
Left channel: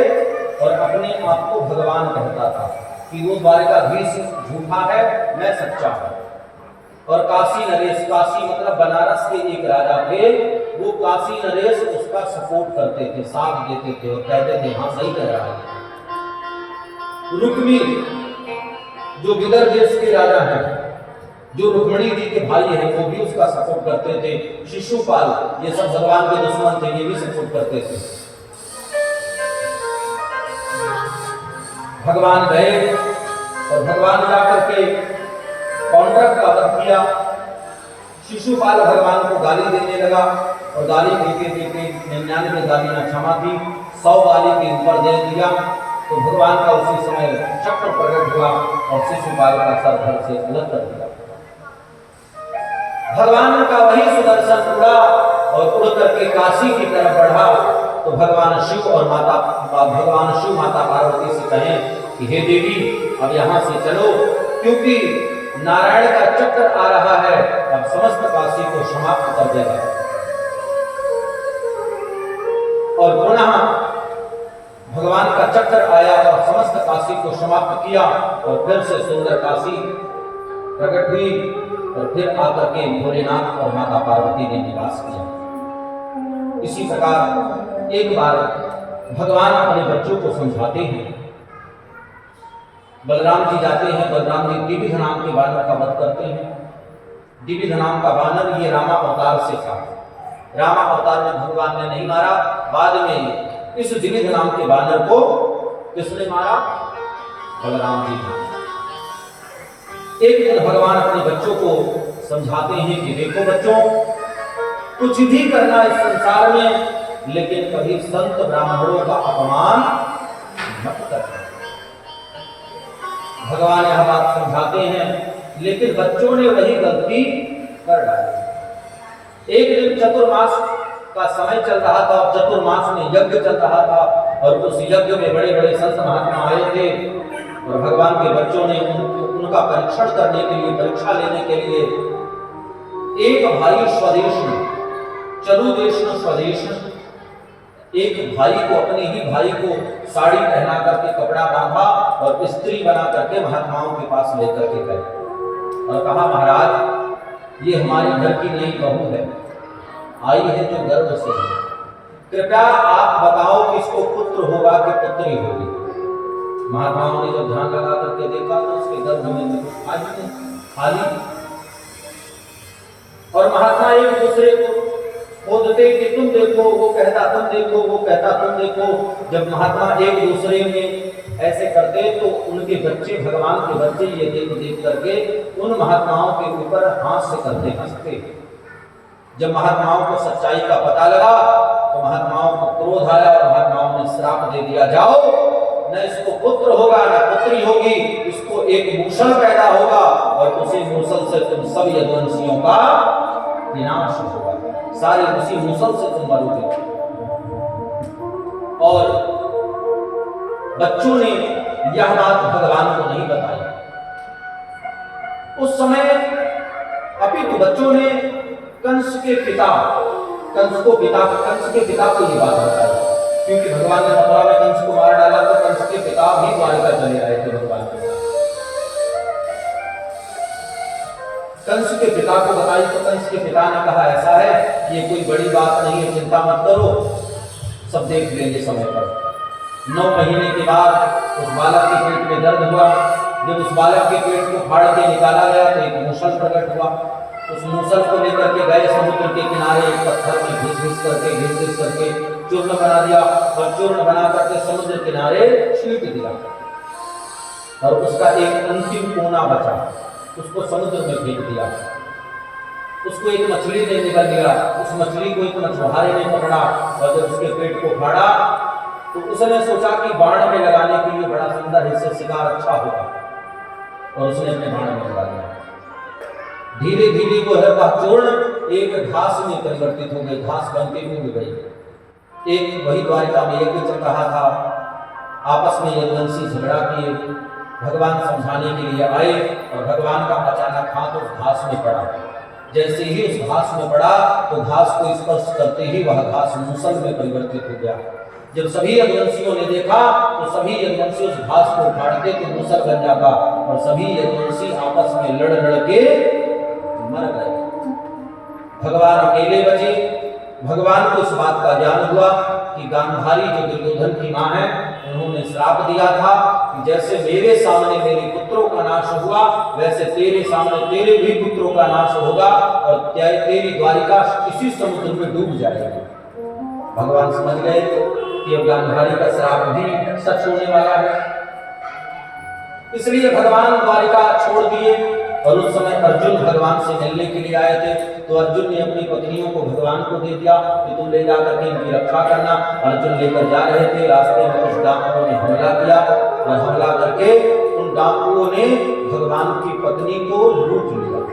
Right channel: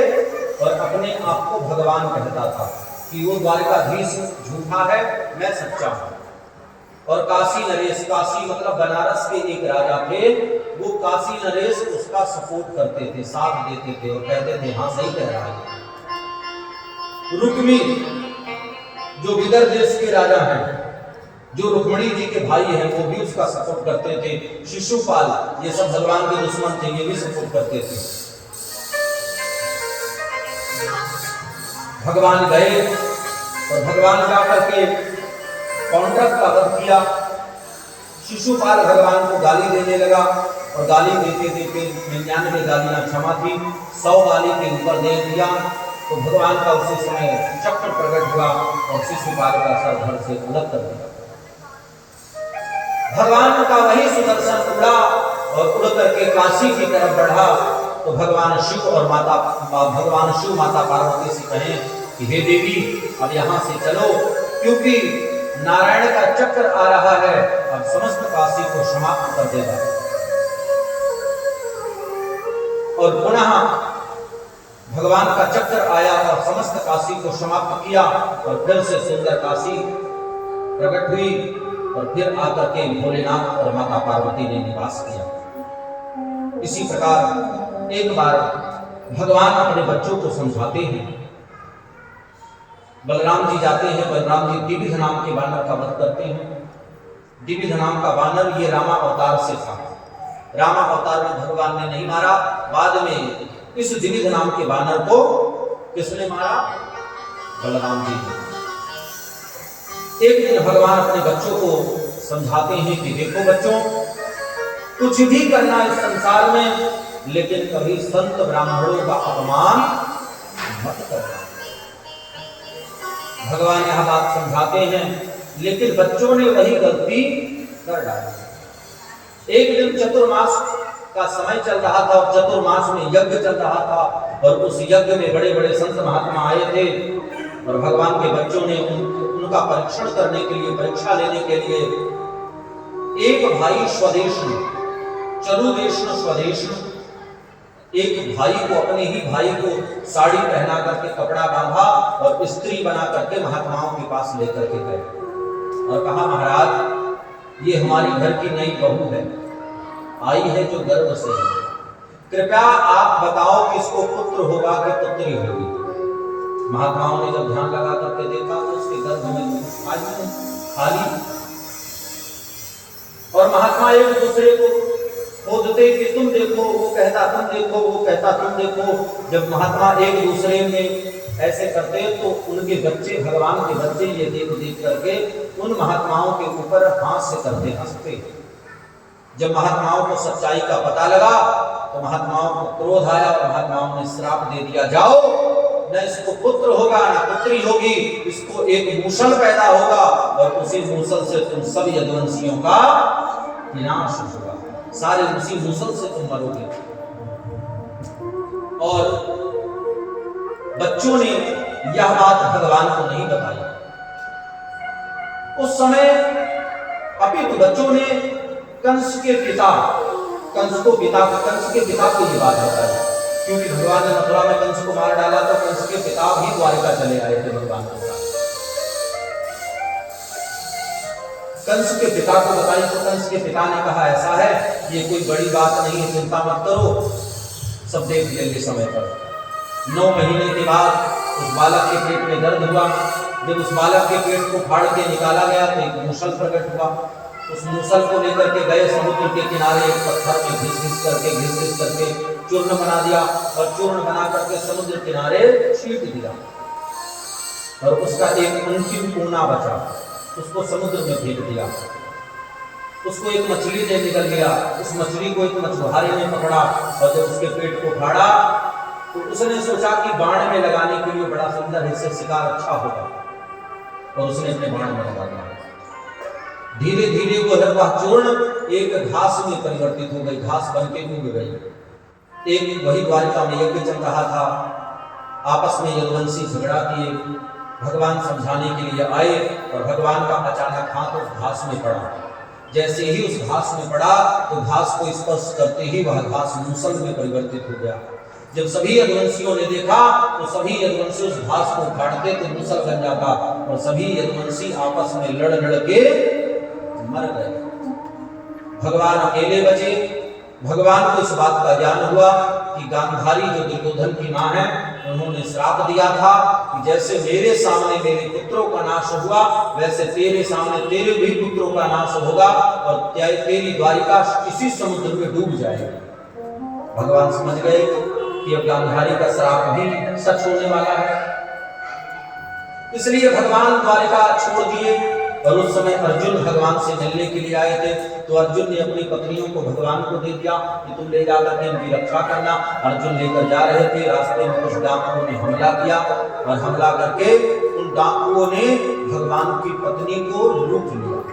और अपने आप को भगवान कहता था कि वो द्वारिकाधीश झूठा है, मैं सच्चा हूं। और काशी नरेश, काशी मतलब बनारस के एक राजा थे, वो काशी नरेश उसका सपोर्ट करते थे, साथ देते थे और कहते थे हाँ सही कह रहा है। रुक्मी जो विदर्भ देश के राजा हैं, जो रुक्मणी जी के भाई हैं, वो भी उसका सपोर्ट करते थे। शिशुपाल, ये सब भगवान के दुश्मन थे, ये भी सपोर्ट करते थे। भगवान गए और भगवान जाकर के पौंड्रक का वध किया। शिशुपाल भगवान को गाली देने लगा और गाली देते देते 99 गालियां क्षमा थी, 100 गाली के ऊपर दे दिया तो भगवान का उसी समय चक्र प्रकट हुआ और शिशुपाल का सर धड़ से अलग कर दिया। भगवान का वही सुदर्शन उड़ा और उड़ करके काशी की तरफ बढ़ा तो भगवान शिव माता पार्वती से कहें कि हे देवी अब यहाँ से चलो, क्योंकि नारायण का चक्र आ रहा है, अब समस्त काशी को समाप्त कर देगा। और पुनः भगवान का चक्र आया और समस्त काशी को समाप्त किया और फिर से सुंदर काशी प्रकट हुई और फिर आकर के भोलेनाथ और माता पार्वती ने निवास किया। इसी प्रकार एक बार भगवान अपने बच्चों को समझाते हैं। बलराम जी जाते हैं, बलराम जी दिविध नाम के बानर का वध करते हैं। दिविध नाम का बानर ये रामा अवतार से था। रामा अवतार में भगवान ने नहीं मारा, बाद में इस दिविध नाम के बानर को किसने मारा? बलराम जी ने। एक दिन भगवान अपने बच्चों को समझाते हैं कि देखो बच्चों, कुछ भी करना इस संसार में, लेकिन कभी संत ब्राह्मणों का अपमान मत करना। भगवान यह बात समझाते हैं, लेकिन बच्चों ने वही गलती कर डाली। एक दिन चतुर्मास का समय चल रहा था और चतुर्मास में यज्ञ चल रहा था और उस यज्ञ में बड़े बड़े संत महात्मा आए थे और भगवान के बच्चों ने उनका परीक्षण करने के लिए, परीक्षा लेने के लिए एक भाई स्वदेश में, चरुदेश स्वदेश, एक भाई को, अपने ही भाई को साड़ी पहना करके कपड़ा बांधा और स्त्री बना करके महात्माओं के पास लेकर के गए और कहा महाराज ये हमारी घर की नई बहू है, आई है जो गर्भ से है, कृपया आप बताओ कि इसको पुत्र होगा कि पुत्री होगी। महात्माओं ने जब ध्यान लगा करके देखा तो उसके गर्भ में खाली और महात्मा एक दूसरे को खोदते कि तुम देखो, वो कहता तुम देखो, वो कहता तुम देखो। जब महात्मा एक दूसरे में ऐसे करते तो उनके बच्चे, भगवान के बच्चे ये देख देख करके उन महात्माओं के ऊपर हास्य करते, हंसते। जब महात्माओं को सच्चाई का पता लगा तो महात्माओं को क्रोध आया और महात्माओं ने श्राप दे दिया, जाओ न इसको पुत्र होगा न पुत्री होगी, इसको एक मूसल पैदा होगा और उसी मूसल से तुम सब यदुवंशियों का विनाश होगा, सारे उसी मूसल से तुम मरोगे। और बच्चों ने यह बात भगवान को नहीं बताई। उस समय अपितु बच्चों ने कंस के पिता को ये बात बताई, क्योंकि भगवान ने मथुरा में कंस को मार डाला तो कंस के पिता भी द्वारिका चले आए थे भगवान के साथ। कंस के पिता को बताई तो कंस के पिता ने कहा ऐसा है, ये कोई बड़ी बात नहीं है, चिंता मत करो, सब देख लेंगे समय पर। 9 महीने के बाद उस बालक के पेट में दर्द हुआ। जब उस बालक के पेट को फाड़ के निकाला गया तो एक मूसल प्रकट हुआ। उस मूसल को लेकर के गए समुद्र के किनारे, एक पत्थर में घिस घिस करके चूर्ण बना दिया और चूर्ण बना करके समुद्र किनारे छींट दिया और उसका एक अंतिम कोना बचा, उसको समुद्र में फेंक दिया। उसको एक मछली ने निकल गया, उस मछली को एक मछुआरे ने पकड़ा और जब उसके पेट को फाड़ा तो उसने सोचा कि बाण में लगाने के लिए बड़ा सुंदर इससे शिकार अच्छा होगा और उसने अपने बाण में लगा दिया। धीरे धीरे वो है वह चूर्ण एक घास में परिवर्तित हो गई, घास बन के उग गई। एक वही द्वारिका में यज्ञ चल रहा था, आपस में यदुवंशी झगड़ा किए, भगवान समझाने के लिए आए और भगवान का अचानक हाथ उस घास में पड़ा जैसे ही उस घास में पड़ा तो घास को स्पर्श करते ही वह घास मूसल में परिवर्तित हो गया। जब सभी यदुवंशियों ने देखा तो सभी यदुवंशी उस घास को उखाड़ते तो मूसल बन जाता और सभी यदुवंशी आपस में लड़ लड़ के मर गए। भगवान अकेले बचे। भगवान को इस बात का ज्ञान हुआ कि गांधारी जो दुर्योधन की मां है, उन्होंने श्राप दिया था कि जैसे मेरे सामने मेरे पुत्रों का नाश हुआ वैसे तेरे सामने तेरे भी पुत्रों का नाश होगा और तेरी द्वारिका इसी समुद्र में डूब जाएगी। भगवान समझ गए कि अब गांधारी का श्राप भी सच होने वाला है, इसलिए भगवान द्वारिका छोड़ दिए। और उस समय अर्जुन भगवान से मिलने के लिए आए थे, तो अर्जुन ने अपनी पत्नियों को भगवान को दे दिया कि तुम ले जाकर के इनकी रक्षा करना। अर्जुन लेकर जा रहे थे, रास्ते में कुछ डाकुओं ने हमला किया और हमला करके उन डाकुओं ने भगवान की पत्नी को लूट लिया,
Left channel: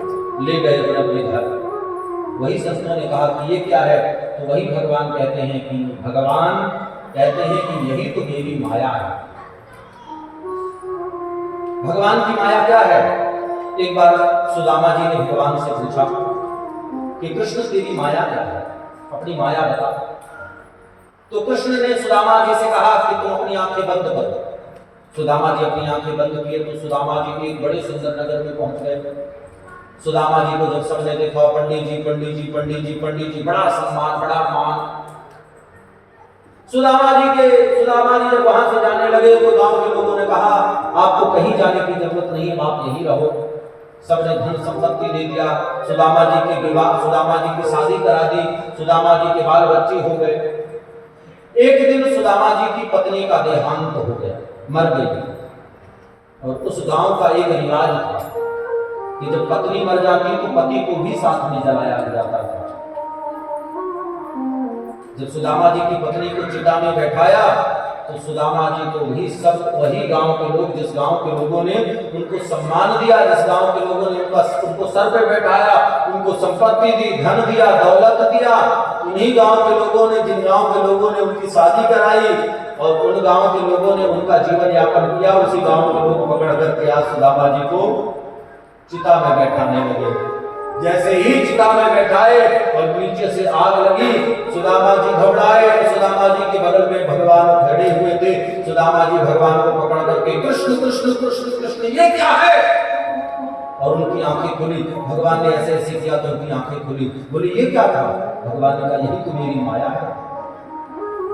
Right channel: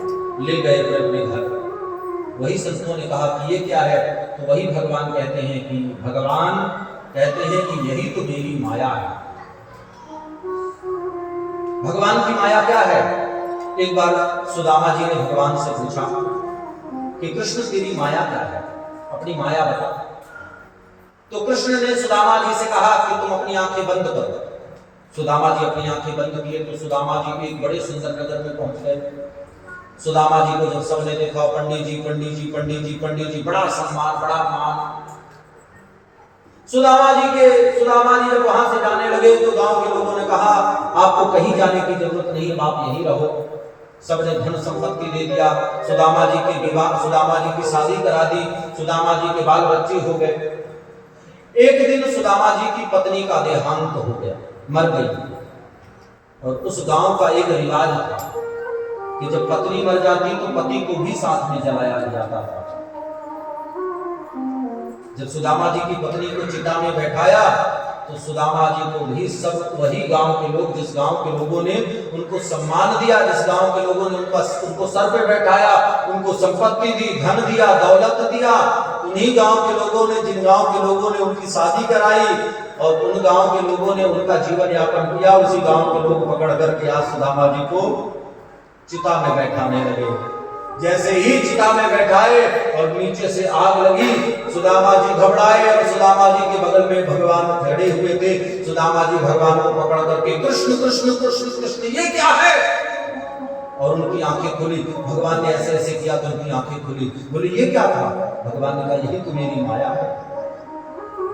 ले गए थे अपने घर। वही संतों ने कहा कि ये क्या है, तो वही भगवान कहते हैं कि भगवान कहते हैं कि यही तो मेरी माया है। भगवान की माया क्या है? एक बार सुदामा जी ने भगवान से पूछा कि कृष्ण तेरी माया क्या है, अपनी माया बता। तो कृष्ण ने सुदामा जी से कहा कि तुम अपनी आंखें बंद करो। सुदामा जी अपनी आंखें बंद किए तो सुदामा जी एक बड़े सुंदर नगर में पहुंच गए। सुदामा जी को जब सबने देखा, पंडित जी पंडित जी पंडित जी पंडित जी, बड़ा सम्मान बड़ा मान। सुदामा जी जब वहां से जाने लगे तो गांव के लोगों ने कहा आपको कहीं जाने की जरूरत नहीं, आप यहीं रहो। सबने धन संपत्ति दे दिया। सुदामा जी के विवाह, सुदामा जी की शादी करा दी, सुदामा जी के बाल बच्चे हो गए। एक दिन सुदामा जी की पत्नी का देहांत हो गया, मर गई। और उस गांव का एक रिवाज था कि जब पत्नी मर जाती तो पति को भी साथ में जलाया जाता था। जब सुदामा जी की पत्नी को चिता में बैठाया तो सुदामा जी को भी सब वही गांव के लोग, जिस गांव के लोगों ने उनको सम्मान दिया, जिस गांव के लोगों ने उनको सर पे बैठाया, उनको संपत्ति दी, धन दिया, दौलत दिया, उन्हीं गांव के लोगों ने, जिन गांव के लोगों ने उनकी शादी कराई और उन गांव के लोगों ने उनका जीवन यापन किया, उसी गांव के लोग पकड़ करके आज सुदामा जी को चिता में बैठाने लगे। जैसे ही चिता में बैठाए और नीचे से आग लगी, सुदामा जी घबराए और सुदामा जी के बगल में भगवान खड़े हुए थे। सुदामा जी भगवान को पकड़ करके कृष्ण कृष्ण कृष्ण कृष्ण ये क्या है, और उनकी आंखें खुली। भगवान ने ऐसे ऐसे किया तो उनकी आंखें खुली। बोले ये क्या था? भगवान ने कहा यही तो मेरी माया है।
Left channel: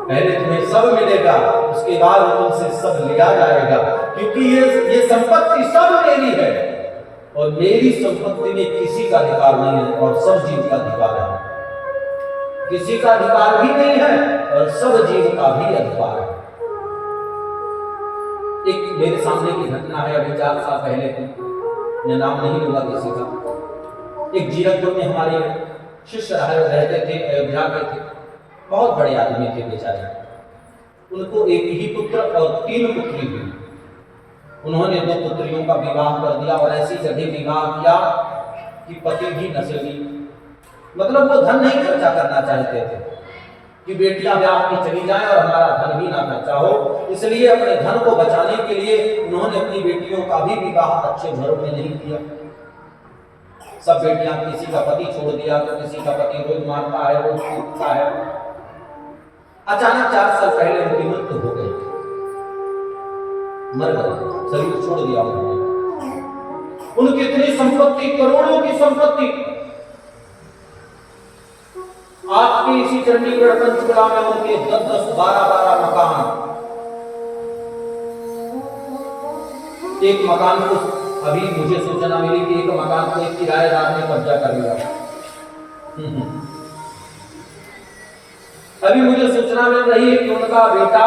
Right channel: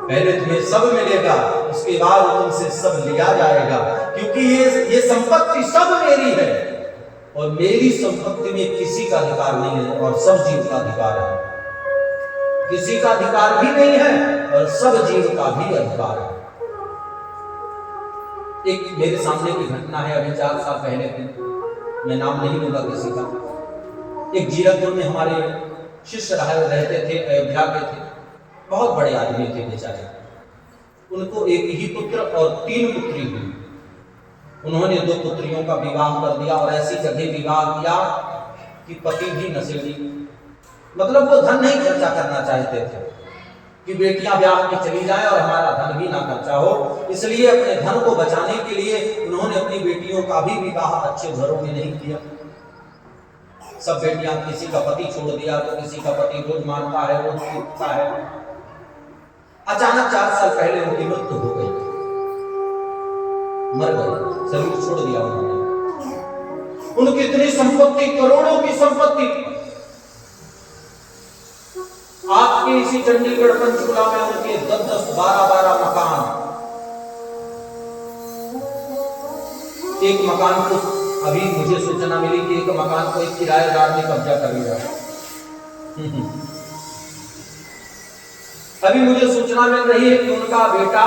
पहले तुम्हें सब मिलेगा, उसके बाद तुमसे सब लिया जाएगा, क्योंकि ये संपत्ति सब मेरी है और मेरी संपत्ति में किसी का अधिकार नहीं है और सब जीव का अधिकार है। किसी का अधिकार भी नहीं है और सब जीव का भी अधिकार है। एक मेरे सामने की घटना है, अभी 4 साल पहले की, मैं नाम नहीं लूंगा किसी का। एक जीरकपुर में हमारे शिष्य रहते थे, अयोध्या के थे, बहुत बड़े आदमी थे बेचारे। उनको एक ही पुत्र और 3 पुत्री हुई। उन्होंने 2 पुत्रियों का विवाह कर दिया और ऐसी जगह विवाह किया कि पति भी नशेड़ी, मतलब वो धन नहीं खर्चा करना चाहते थे कि बेटियां ब्याह के चली जाएं और हमारा धन भी ना खर्चा हो। इसलिए अपने धन को बचाने के लिए उन्होंने अपनी बेटियों का भी विवाह अच्छे घरों में नहीं किया। सब बेटियां, किसी का पति छोड़ दिया तो किसी का पति रोज मारता है, रोज कूदता है। अचानक 4 साल पहले उनकी मृत्यु हो गई, मर गए, शरीर छोड़ दिया उन्होंने। उनकी इतनी संपत्ति, करोड़ों की संपत्ति, आपके इसी चंडीगढ़ पंचकुला में उनके 10-10, 12-12 मकान। एक मकान को अभी मुझे सूचना मिली कि एक मकान को एक किराएदार ने कब्जा कर लिया। अभी मुझे सूचना मिल रही है कि उनका बेटा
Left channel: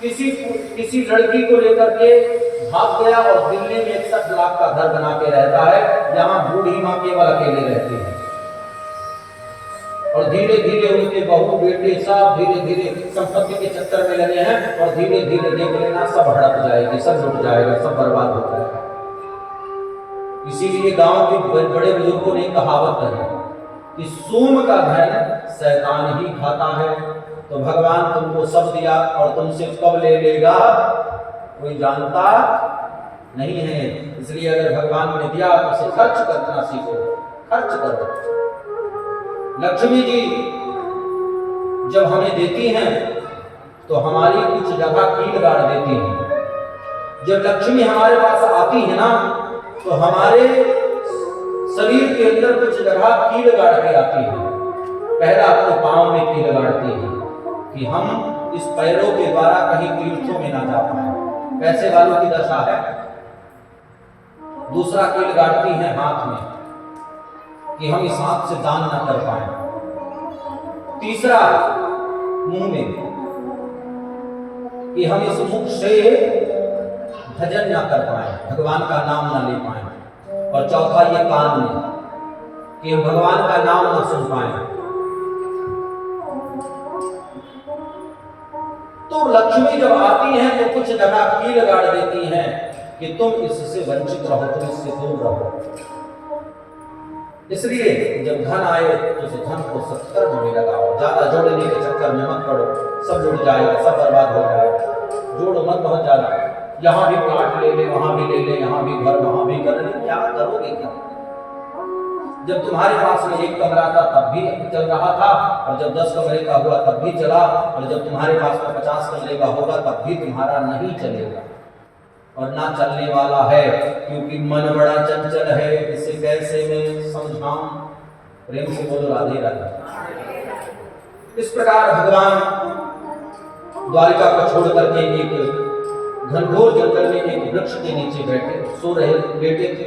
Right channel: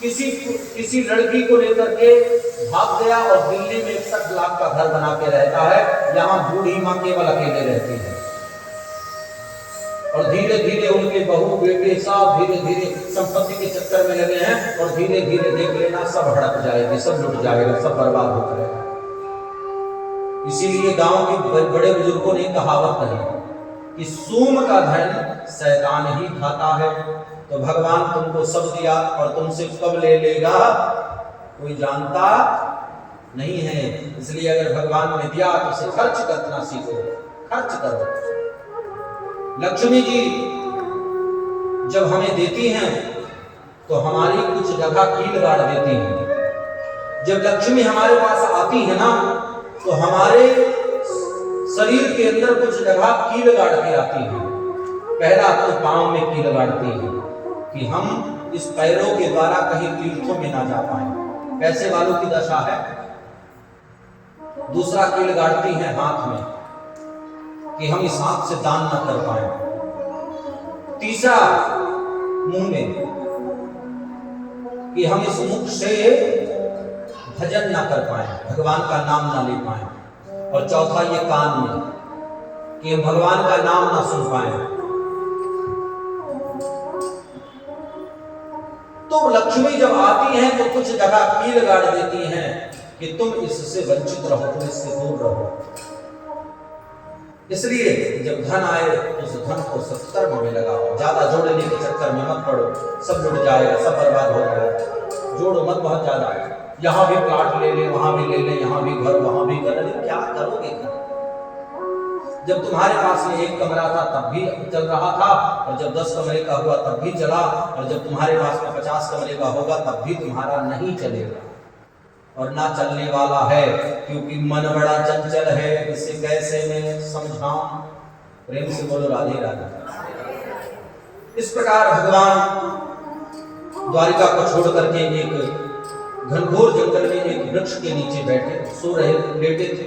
किसी लड़की को लेकर के भाग गया और दिल्ली में 61 लाख का घर बना के रहता है, जहां बूढ़ी मां केवल अकेले रहती है। और धीरे धीरे उनके बहू बेटे सब धीरे धीरे संपत्ति के चक्कर में लगे हैं और धीरे धीरे देख लेना सब हड़प जाएगी, सब लुट जाएगा, सब बर्बाद हो जाएगा। इसीलिए गांव के बड़े बुजुर्गों ने कहावत कही कि सूम का धन शैतान ही खाता है। तो भगवान तुमको सब दिया और तुमसे कब ले लेगा कोई जानता नहीं है। इसलिए अगर भगवान ने दिया तो उसे खर्च करना सीखो, खर्च करो। लक्ष्मी जी जब हमें देती हैं तो हमारी कुछ जगह कील गाड़ देती हैं। जब लक्ष्मी हमारे पास आती है ना तो हमारे शरीर के अंदर कुछ जगह कील गाड़ के आती है। पहला तो पांव में कील गाड़ती है कि हम इस पैरों के द्वारा कहीं तीर्थों में ना जा पाए, पैसे वालों की दशा है। दूसरा कील गाड़ती है हाथ में कि हम इस हाथ से दान ना कर पाए। तीसरा मुंह में कि हम इस मुख से भजन ना कर पाए, भगवान का नाम ना ले पाए। और चौथा ये कान में कि हम भगवान का नाम ना सुन पाए। तो लक्ष्मी जब आती हैं तो कुछ जगह कील गाड़ देती हैं कि तुम इससे वंचित रहो, तुम इससे दूर रहो। इसलिए जब धन आए तो उस धन को सत्कर्म में लगाओ, ज्यादा जोड़ने के चक्कर में मत पड़ो, सब जुड़ जाएगा, सब बर्बाद हो जाएगा। जोड़ो मत बहुत ज्यादा, यहाँ भी प्लाट ले ले, वहां भी ले ले, यहाँ भी घर, वहां भी कर ले, क्या करोगे कर? जब तुम्हारे पास में एक कमरा था तब भी चल रहा था, और जब 10 कमरे का हुआ तब भी चला, और जब तुम्हारे पास में 50 कमरे का होगा तब भी तुम्हारा नहीं चलेगा और ना चलने वाला है, क्योंकि मन बड़ा चंचल है, इसे कैसे मैं समझाऊं। प्रेम से बोलो राधे राधे। इस प्रकार भगवान द्वारिका को छोड़ करके एक घनघोर जंगल में एक वृक्ष के नीचे बैठे सो रहे, लेटे थे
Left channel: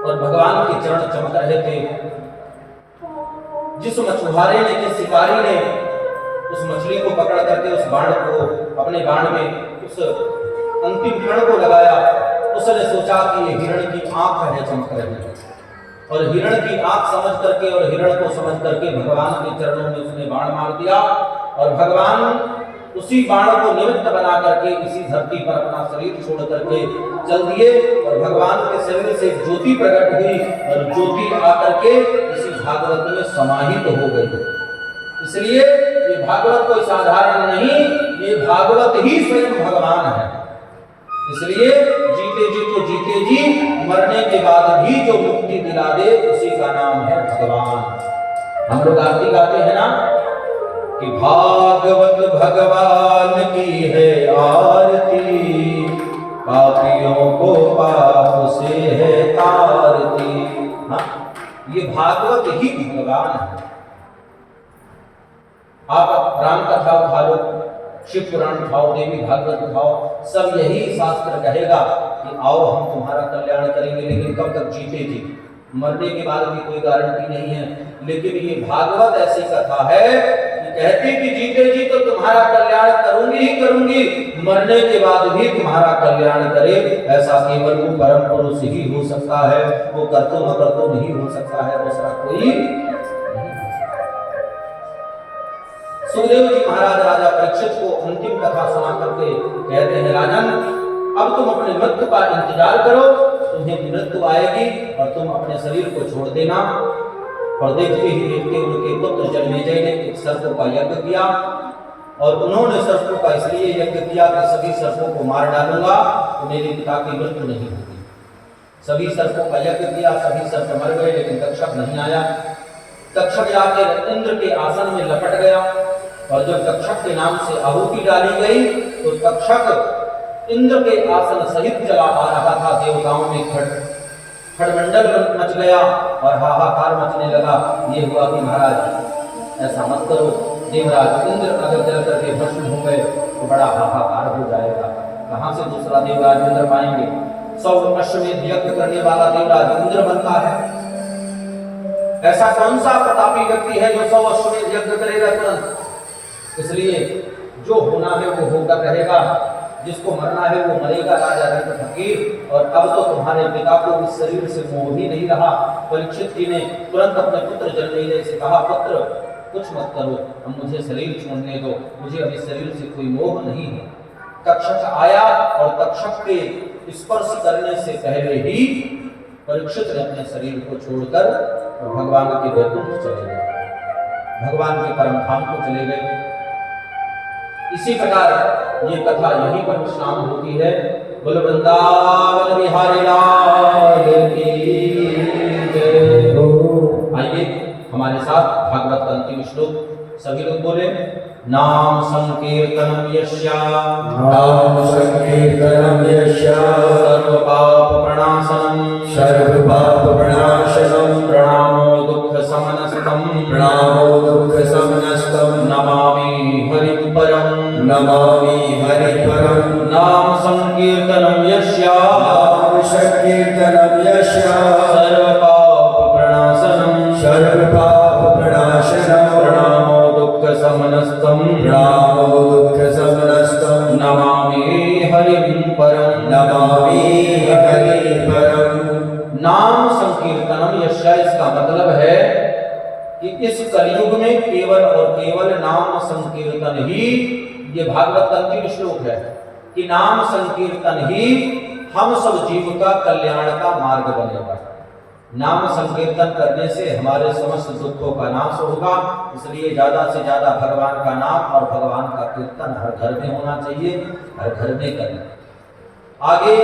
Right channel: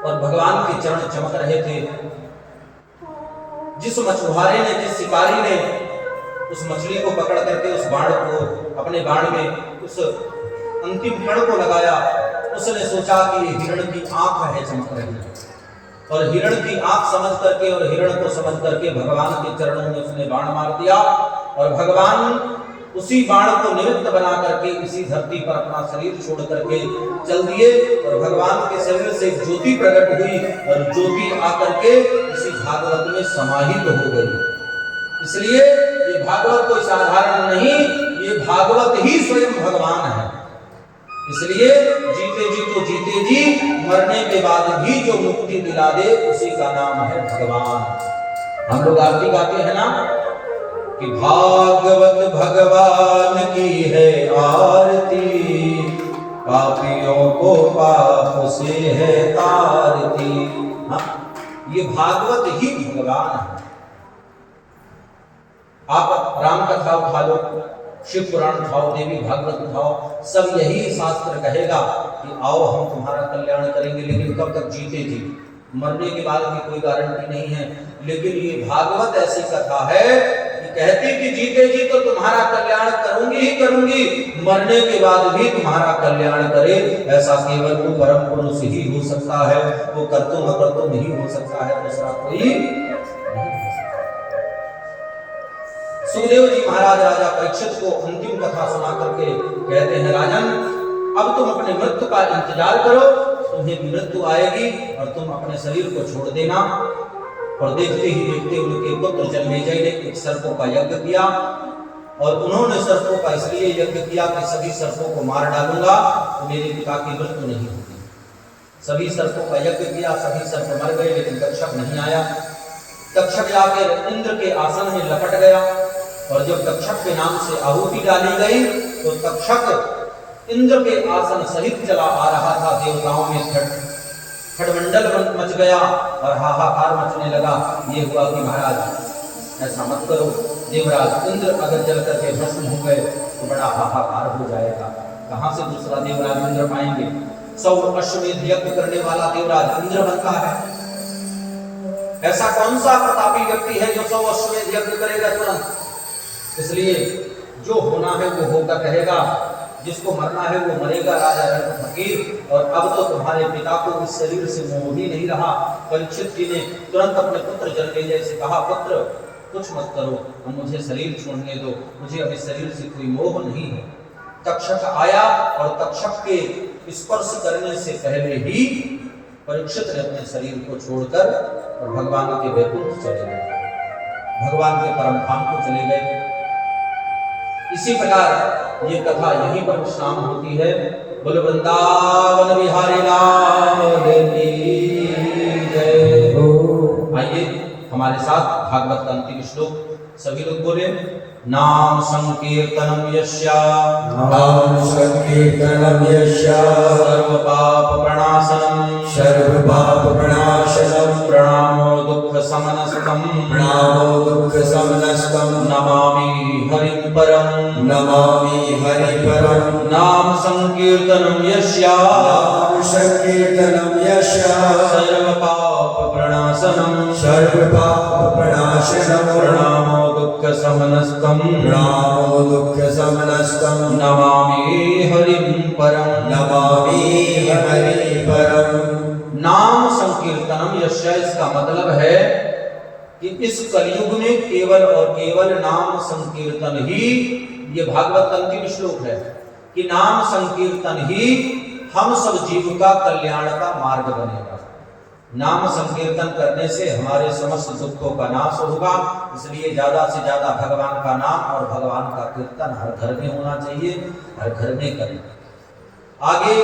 और भगवान के चरण चमक रहे थे। जिस मछुआरे ने, जिस शिकारी ने उस मछली को पकड़ करके उस बाण को अपने बाण में उस अंतिम कण को लगाया, उसने सोचा कि ये हिरण की आंख है चमक रही है, और हिरण की आंख समझ करके और हिरण को समझ करके भगवान के चरणों में उसने बाण मार दिया। और भगवान उसी बाण को निमित्त बना करके इसी धरती पर अपना शरीर छोड़ करके चल दिए, और भगवान के शरीर से एक ज्योति प्रकट हुई और ज्योति आकर के इसी भागवत में समाहित हो गई। इसलिए ये भागवत कोई साधारण नहीं, ये भागवत ही स्वयं भगवान है। इसलिए जीते जी तो जीते जी, मरने के बाद भी जो मुक्ति दिला दे उसी का नाम है भगवान। हम लोग आरती गाते हैं ना कि भागवत भगवान की है आरती, पापियों को पाप से है तारती। हाँ, ये भागवत ही भगवान है। आप राम कथा उठा लो, शिव पुराण उठाओ, देवी भागवत उठाओ, सब यही शास्त्र कहेगा कि आओ हम तुम्हारा कल्याण करेंगे, लेकिन कब तक जीते जी, मरने के बाद भी कोई गारंटी नहीं है। लेकिन ये भागवत ऐसी कथा है कि कहती कि जीते जी तो तुम्हारा कल्याण करूंगी ही करूंगी, मरने के बाद भी तुम्हारा कल्याण करे। ऐसा केवल वो परम पुरुष ही हो सकता है, वो कर्तुम अकर्तुम ही हो सकता है, दूसरा कोई। सुखदेव जी महाराज राजा परीक्षित को अंतिम कथा सुना करके कहते हैं, राजन अब तुम अपने मृत्यु का इंतजार करो, तुम्हें मृत्यु आएगी और तुम अपने शरीर को छोड़ देना। और देखते ही देखते उनके पुत्र जन्मेजय ने एक सर्पों का यज्ञ किया, और उन्होंने सर्पों का इसलिए यज्ञ किया कि सभी सर्पों को मार डालूंगा तो मेरे पिता की मृत्यु नहीं होगी। सभी सर्पों का यज्ञ किया, सभी सर्प मर गए, लेकिन तक्षक नहीं आया। तक्षक जाकर इंद्र के आसन में लपट गया, और जब तक्षक के नाम से आहुति डाली गई तो तक्षक इंद्र के आसन सहित चला आ रहा था। देवताओं में खड़मंडल मच गया और हाहाकार मचने लगा। ये हुआ कि महाराज ऐसा मत करो, देवराज इंद्र अगर जल करके भस्म हो गए तो बड़ा हाहाकार हो जाएगा, कहां से दूसरा देवराज इंद्र पाएंगे। 100 अश्वमेध यज्ञ करने वाला देवराज इंद्र बनता है। ऐसा कौन सा प्रतापी व्यक्ति है जो 100 अश्वमेध यज्ञ करेगा तुरंत। इसलिए जो होना है वो होकर रहेगा, जिसको मरना है वो मरेगा। राजा रंग फकीर, और अब तो तुम्हारे पिता को इस शरीर से मोह ही नहीं रहा। परीक्षित जी ने तुरंत अपने पुत्र जन्मेजय से कहा, पुत्र कुछ मत करो, अब मुझे शरीर छोड़ने दो, मुझे अभी शरीर से कोई मोह नहीं है। तक्षक आया और तक्षक के स्पर्श करने से पहले ही परीक्षित ने अपने शरीर को छोड़कर और भगवान के वैकुंठ चले गए, भगवान के परम धाम को चले गए। इसी प्रकार ये कथा यहीं पर विश्राम होती है। बोल वृंदावन बिहारी लाल की जय। हमारे साथ भागवत का अंतिम श्लोक सभी लोग बोले। नाम संकीर्तनम यस्या नाम संकीर्तनम यस्या सर्व पाप प्रणाशनम सर्व पाप प्रणाशनम प्रणामो दुख समनस्तम प्रणामो दुख समनस्तम नमामि हरिं परम नमामि हरि परम नाम संकीर्तनम यस्या नाम संकीर्तनम यस्या सर्व पाप प्रणाशनम सर्व पाप प्रणाशनम प्रणामो दुख समनस्तम प्रणामो दुख समनस्तम नमामि हरिं परम नमामि हरि परम। नाम संकीर्तनम यस्या, इसका मतलब है कि इस कलयुग में केवल और केवल नाम संकीर्तन ही, ये भागवत अंतिम श्लोक है कि नाम संकीर्तन ही हम सब जीव का कल्याण का मार्ग बनेगा। नाम संकीर्तन करने से हमारे समस्त दुखों का नाश होगा, इसलिए ज्यादा से ज्यादा भगवान का नाम और भगवान का कीर्तन हर घर में होना चाहिए, हर घर में करें। आगे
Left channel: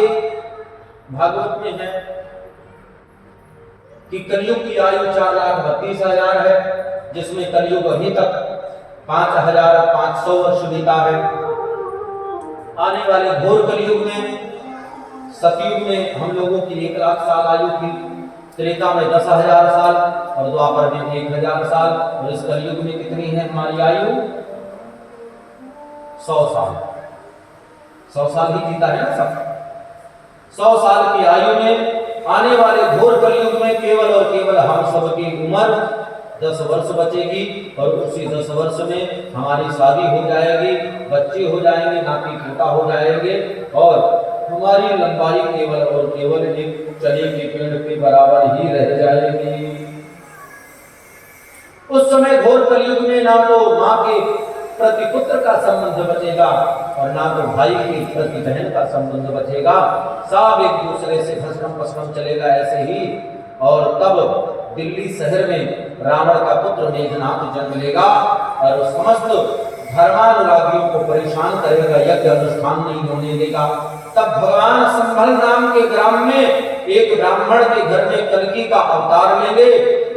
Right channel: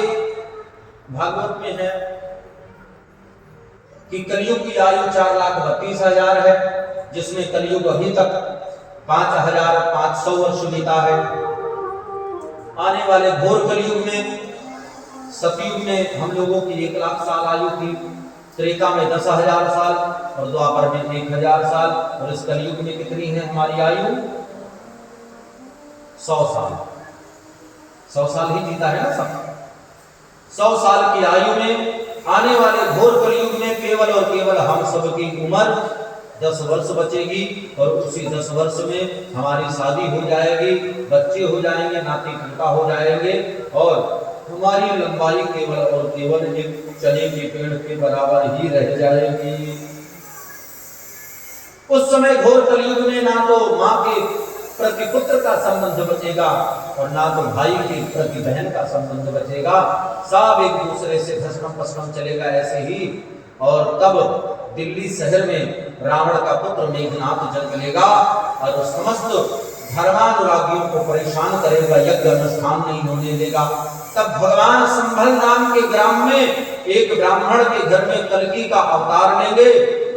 भागवत में है कि कलयुग की आयु 4,32,000 है, जिसमें कलयुग अभी तक 5,500 वर्ष बीता है। आने वाले घोर कलयुग में, सतयुग में हम लोगों की 1,00,000 साल आयु थी, त्रेता में 10,000 साल और द्वापर में 1,000 साल, और इस कलयुग में कितनी है हमारी आयु? 100 साल। 100 साल ही जीता है ना सब। 100 साल की आयु में आने वाले घोर कलयुग में केवल और केवल हम सब की उम्र 10 वर्ष बचेगी, और उसी 10 वर्ष में हमारी शादी हो जाएगी, बच्चे हो जाएंगे, नाती पोता हो जाएंगे, और हमारी लंबाई केवल और केवल एक चने के पेड़ के बराबर ही रह जाएगी। उस समय घोर कलयुग में ना तो माँ के प्रति पुत्र का संबंध बचेगा और ना तो भाई के प्रति बहन का संबंध बचेगा, सब एक दूसरे से घसकम पसकम चलेगा ऐसे ही। और तब दिल्ली शहर में रावण का पुत्र मेघनाथ जन्म लेगा और समस्त धर्मानुरागियों को परेशान करेगा, यज्ञ अनुष्ठान नहीं होने देगा। तब भगवान संभल नाम के ग्राम में एक ब्राह्मण के घर में कल्कि का अवतार लेंगे,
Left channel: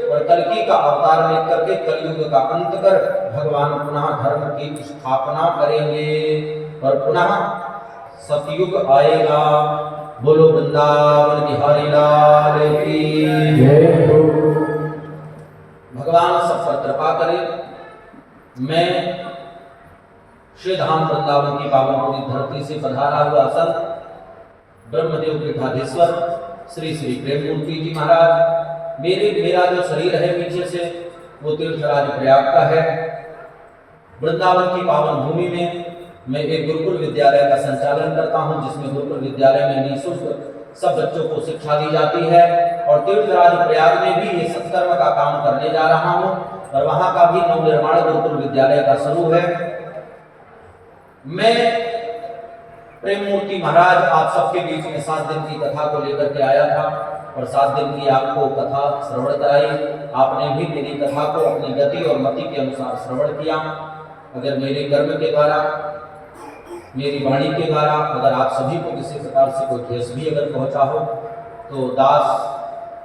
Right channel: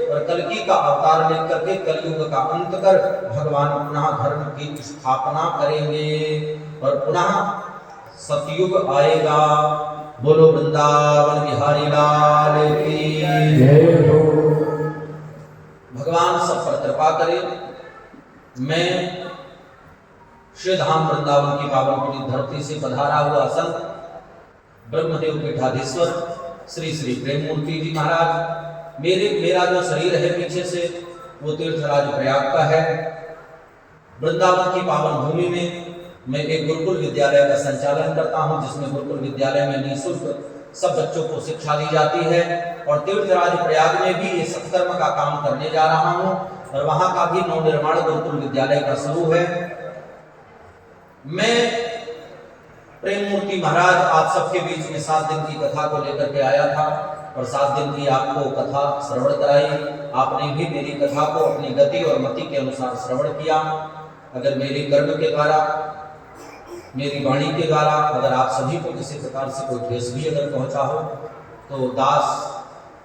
और कल्कि का अवतार लेकर के कलयुग का अंत कर भगवान पुनः धर्म की स्थापना करेंगे और पुनः सतयुग आएगा। बोलो वृंदावन बिहारी लाल की जय हो। भगवान सब पर कृपा करे। मैं श्री धाम वृंदावन की पावन पूरी धरती से पधारा हुआ संत ब्रह्मदेव पीठाधीश्वर श्री श्री प्रेम मूर्ति जी महाराज, मेरा जो शरीर है पीछे से वो तीर्थराज प्रयाग का है। वृंदावन की पावन भूमि में मैं एक गुरुकुल विद्यालय का संचालन करता हूं, जिसमें गुरुकुल विद्यालय में निःशुल्क सब बच्चों को शिक्षा दी जाती है, और तीर्थराज प्रयाग में भी ये सत्कर्म का काम करने जा रहा हूं, और वहां का भी नवनिर्माण गुरुकुल विद्यालय का शुरू है। मैं प्रेम मूर्ति महाराज आप सबके बीच में 7 दिन की कथा को लेकर के आया था, और 7 दिन की आपको कथा श्रवण कराई। आपने भी मेरी कथा को अपनी गति और मति के अनुसार श्रवण किया। अगर मेरे कर्म के द्वारा, मेरी वाणी के द्वारा अगर आप सभी को किसी प्रकार से कोई ठेस भी अगर पहुंचा हो, तो दास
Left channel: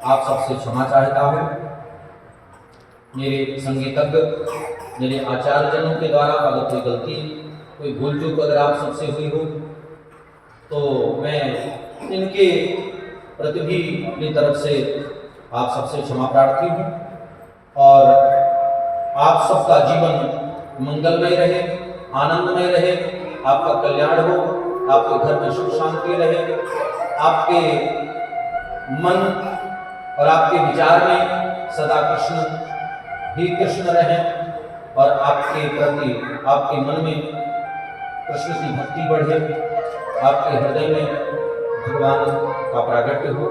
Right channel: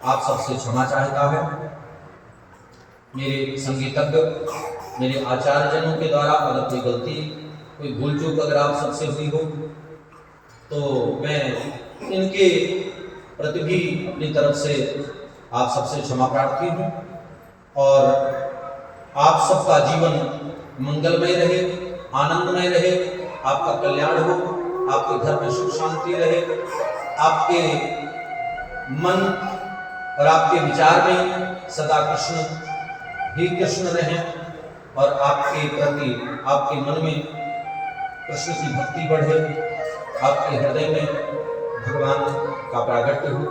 आप सबसे क्षमा चाहता है। मेरे संगीतज्ञ, मेरे आचार्यजनों के द्वारा अगर कोई गलती, कोई भूल चूक अगर आप सबसे हुई हो, तो मैं इनके प्रति भी अपनी तरफ से आप सबसे क्षमा प्रार्थी हूँ, और आप सबका जीवन मंगलमय रहे, आनंदमय रहे, आपका कल्याण हो, आपके घर में सुख शांति रहे, आपके मन और आपके विचार में सदा कृष्ण ही कृष्ण रहे, और आपके प्रति, आपके मन में कृष्ण की भक्ति बढ़े, आपके हृदय में भगवान का प्रागट्य हो,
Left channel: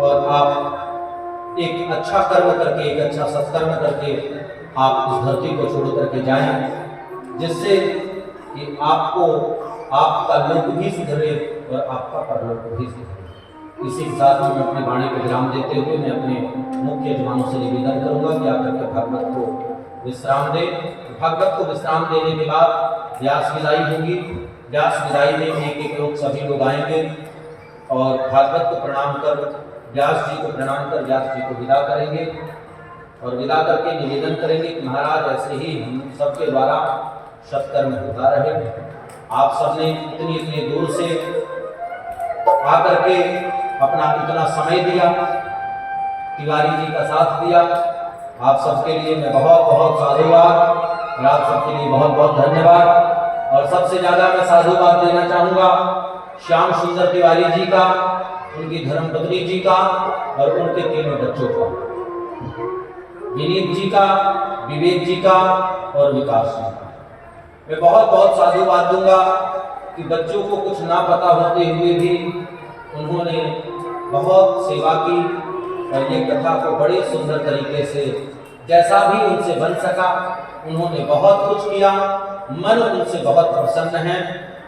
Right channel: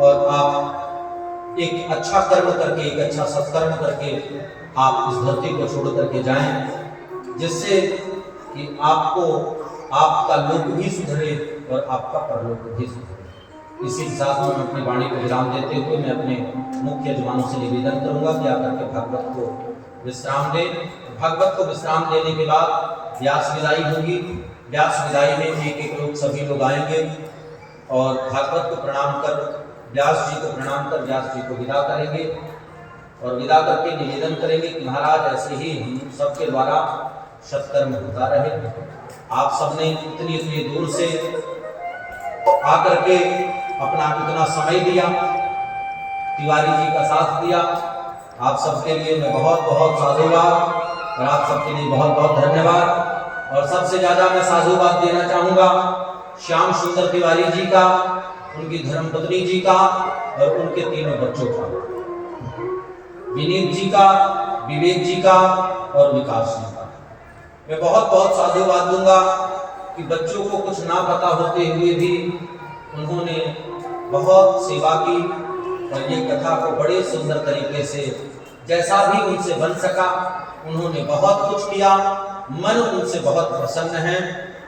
और आप एक अच्छा कर्म करके, एक अच्छा सत्कर्म करके आप इस धरती को छोड़ करके जाएं, जिससे कि आपको आपका लोक भी सुधरे और आपका परलोक भी सुधरे। इसी के साथ मैं अपनी वाणी को विराम देते हुए मैं अपने मुख्य यजमानों से निवेदन करूंगा कि आकर के भागवत को विश्राम दें। भागवत को विश्राम देने के बाद व्यास विदाई होगी। व्यास विदाई में एक एक लोग सभी लोग आएंगे और भागवत को प्रणाम कर, व्यास जी को प्रणाम कर व्यास जी को विदा करेंगे। और विदा करके निवेदन करेंगे कि महाराज ऐसे ही हम सबके द्वारा सत्कर्म होता रहे। आप सबने इतनी दूर से आकर के अपना इतना समय दिया, तिवारी जी का साथ दिया, आप सबके लिए मैं बहुत बहुत साधुवाद और आप सबके लिए बहुत बहुत धन्यवाद। और सबसे ज़्यादा मैं साधुवाद देना चाहूँगा श्याम सुंदर तिवारी जी का, उनकी धर्मपत्नी जी का और उनके तीनों बच्चों का, विनीत जी का, विवेक जी का और विकास जी का। मैं बहुत बहुत साधुवाद दूंगा कि बच्चों को कुछ ना पता होते हुए भी उन्होंने बहुत सेवा की और ये कथा को बड़े सुंदर तरीके से जैसा भी उनसे बन सका उन्होंने बहुत कुछ किया। मन उनसे बहुत प्रसन्न है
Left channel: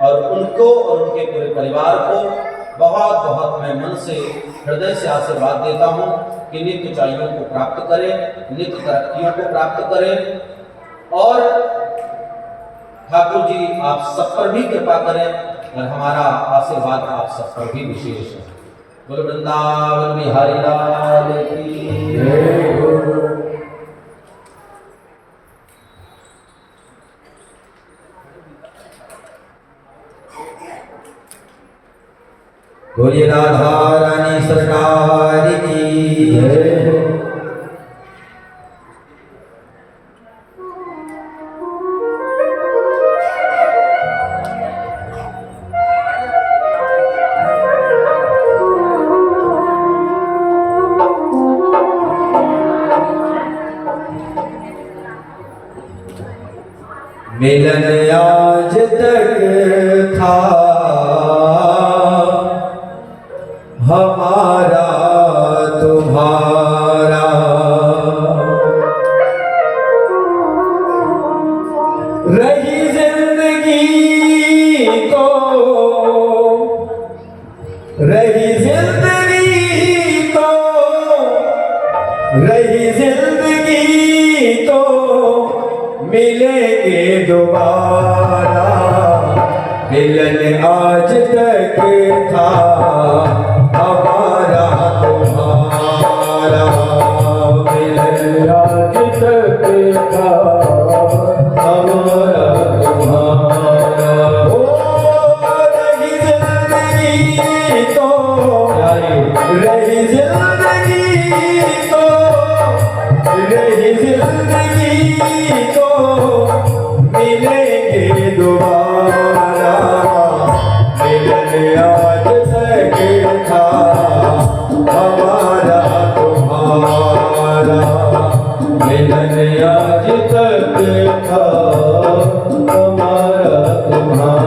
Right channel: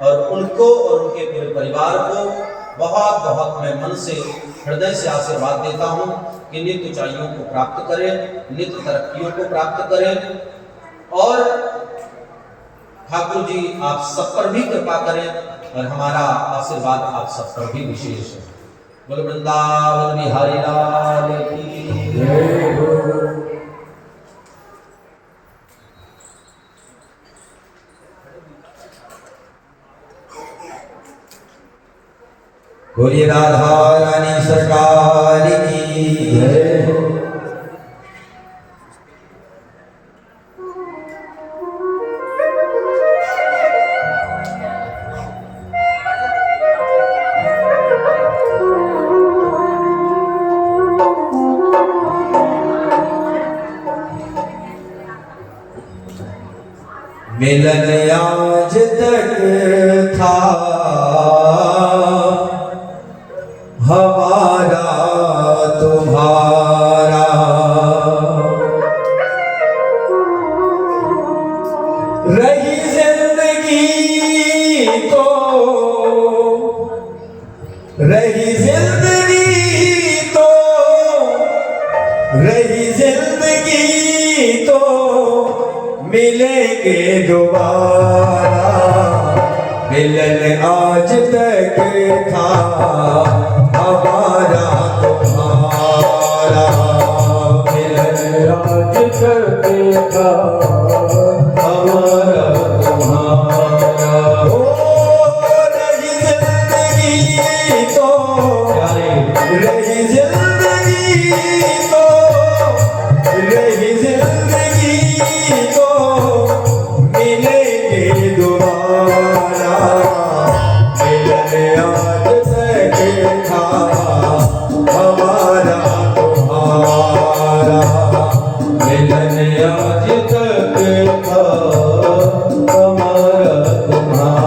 और उनको और उनके पूरे परिवार को बहुत बहुत मैं मन से हृदय से आशीर्वाद देता हूँ कि नित्य ऊंचाइयों को प्राप्त करें, नित्य तरक्कियों को प्राप्त करें और ठाकुर जी आप सब पर भी कृपा करें और हमारा आशीर्वाद आप सब पर भी विशेष है। बोल वृंदावन बिहारी लाल की जय हो। बोलिए राधा रानी सरकार की जय। मिलन आज तक था हमारा तुम्हारा, रही जिंदगी तो रही जिंदगी तो रही जिंदगी तो मिलेंगे दोबारा। मिलन आज तक था हमारा तुम्हारा, मिलन आज तक था हमारा तुम्हारा। ओ रही जिंदगी तो रही जिंदगी तो रही जिंदगी तो मिलेंगे दोबारा। मिलन आज तक था हमारा तुम्हारा, मिलन आज तक था हमारा तुम्हारा।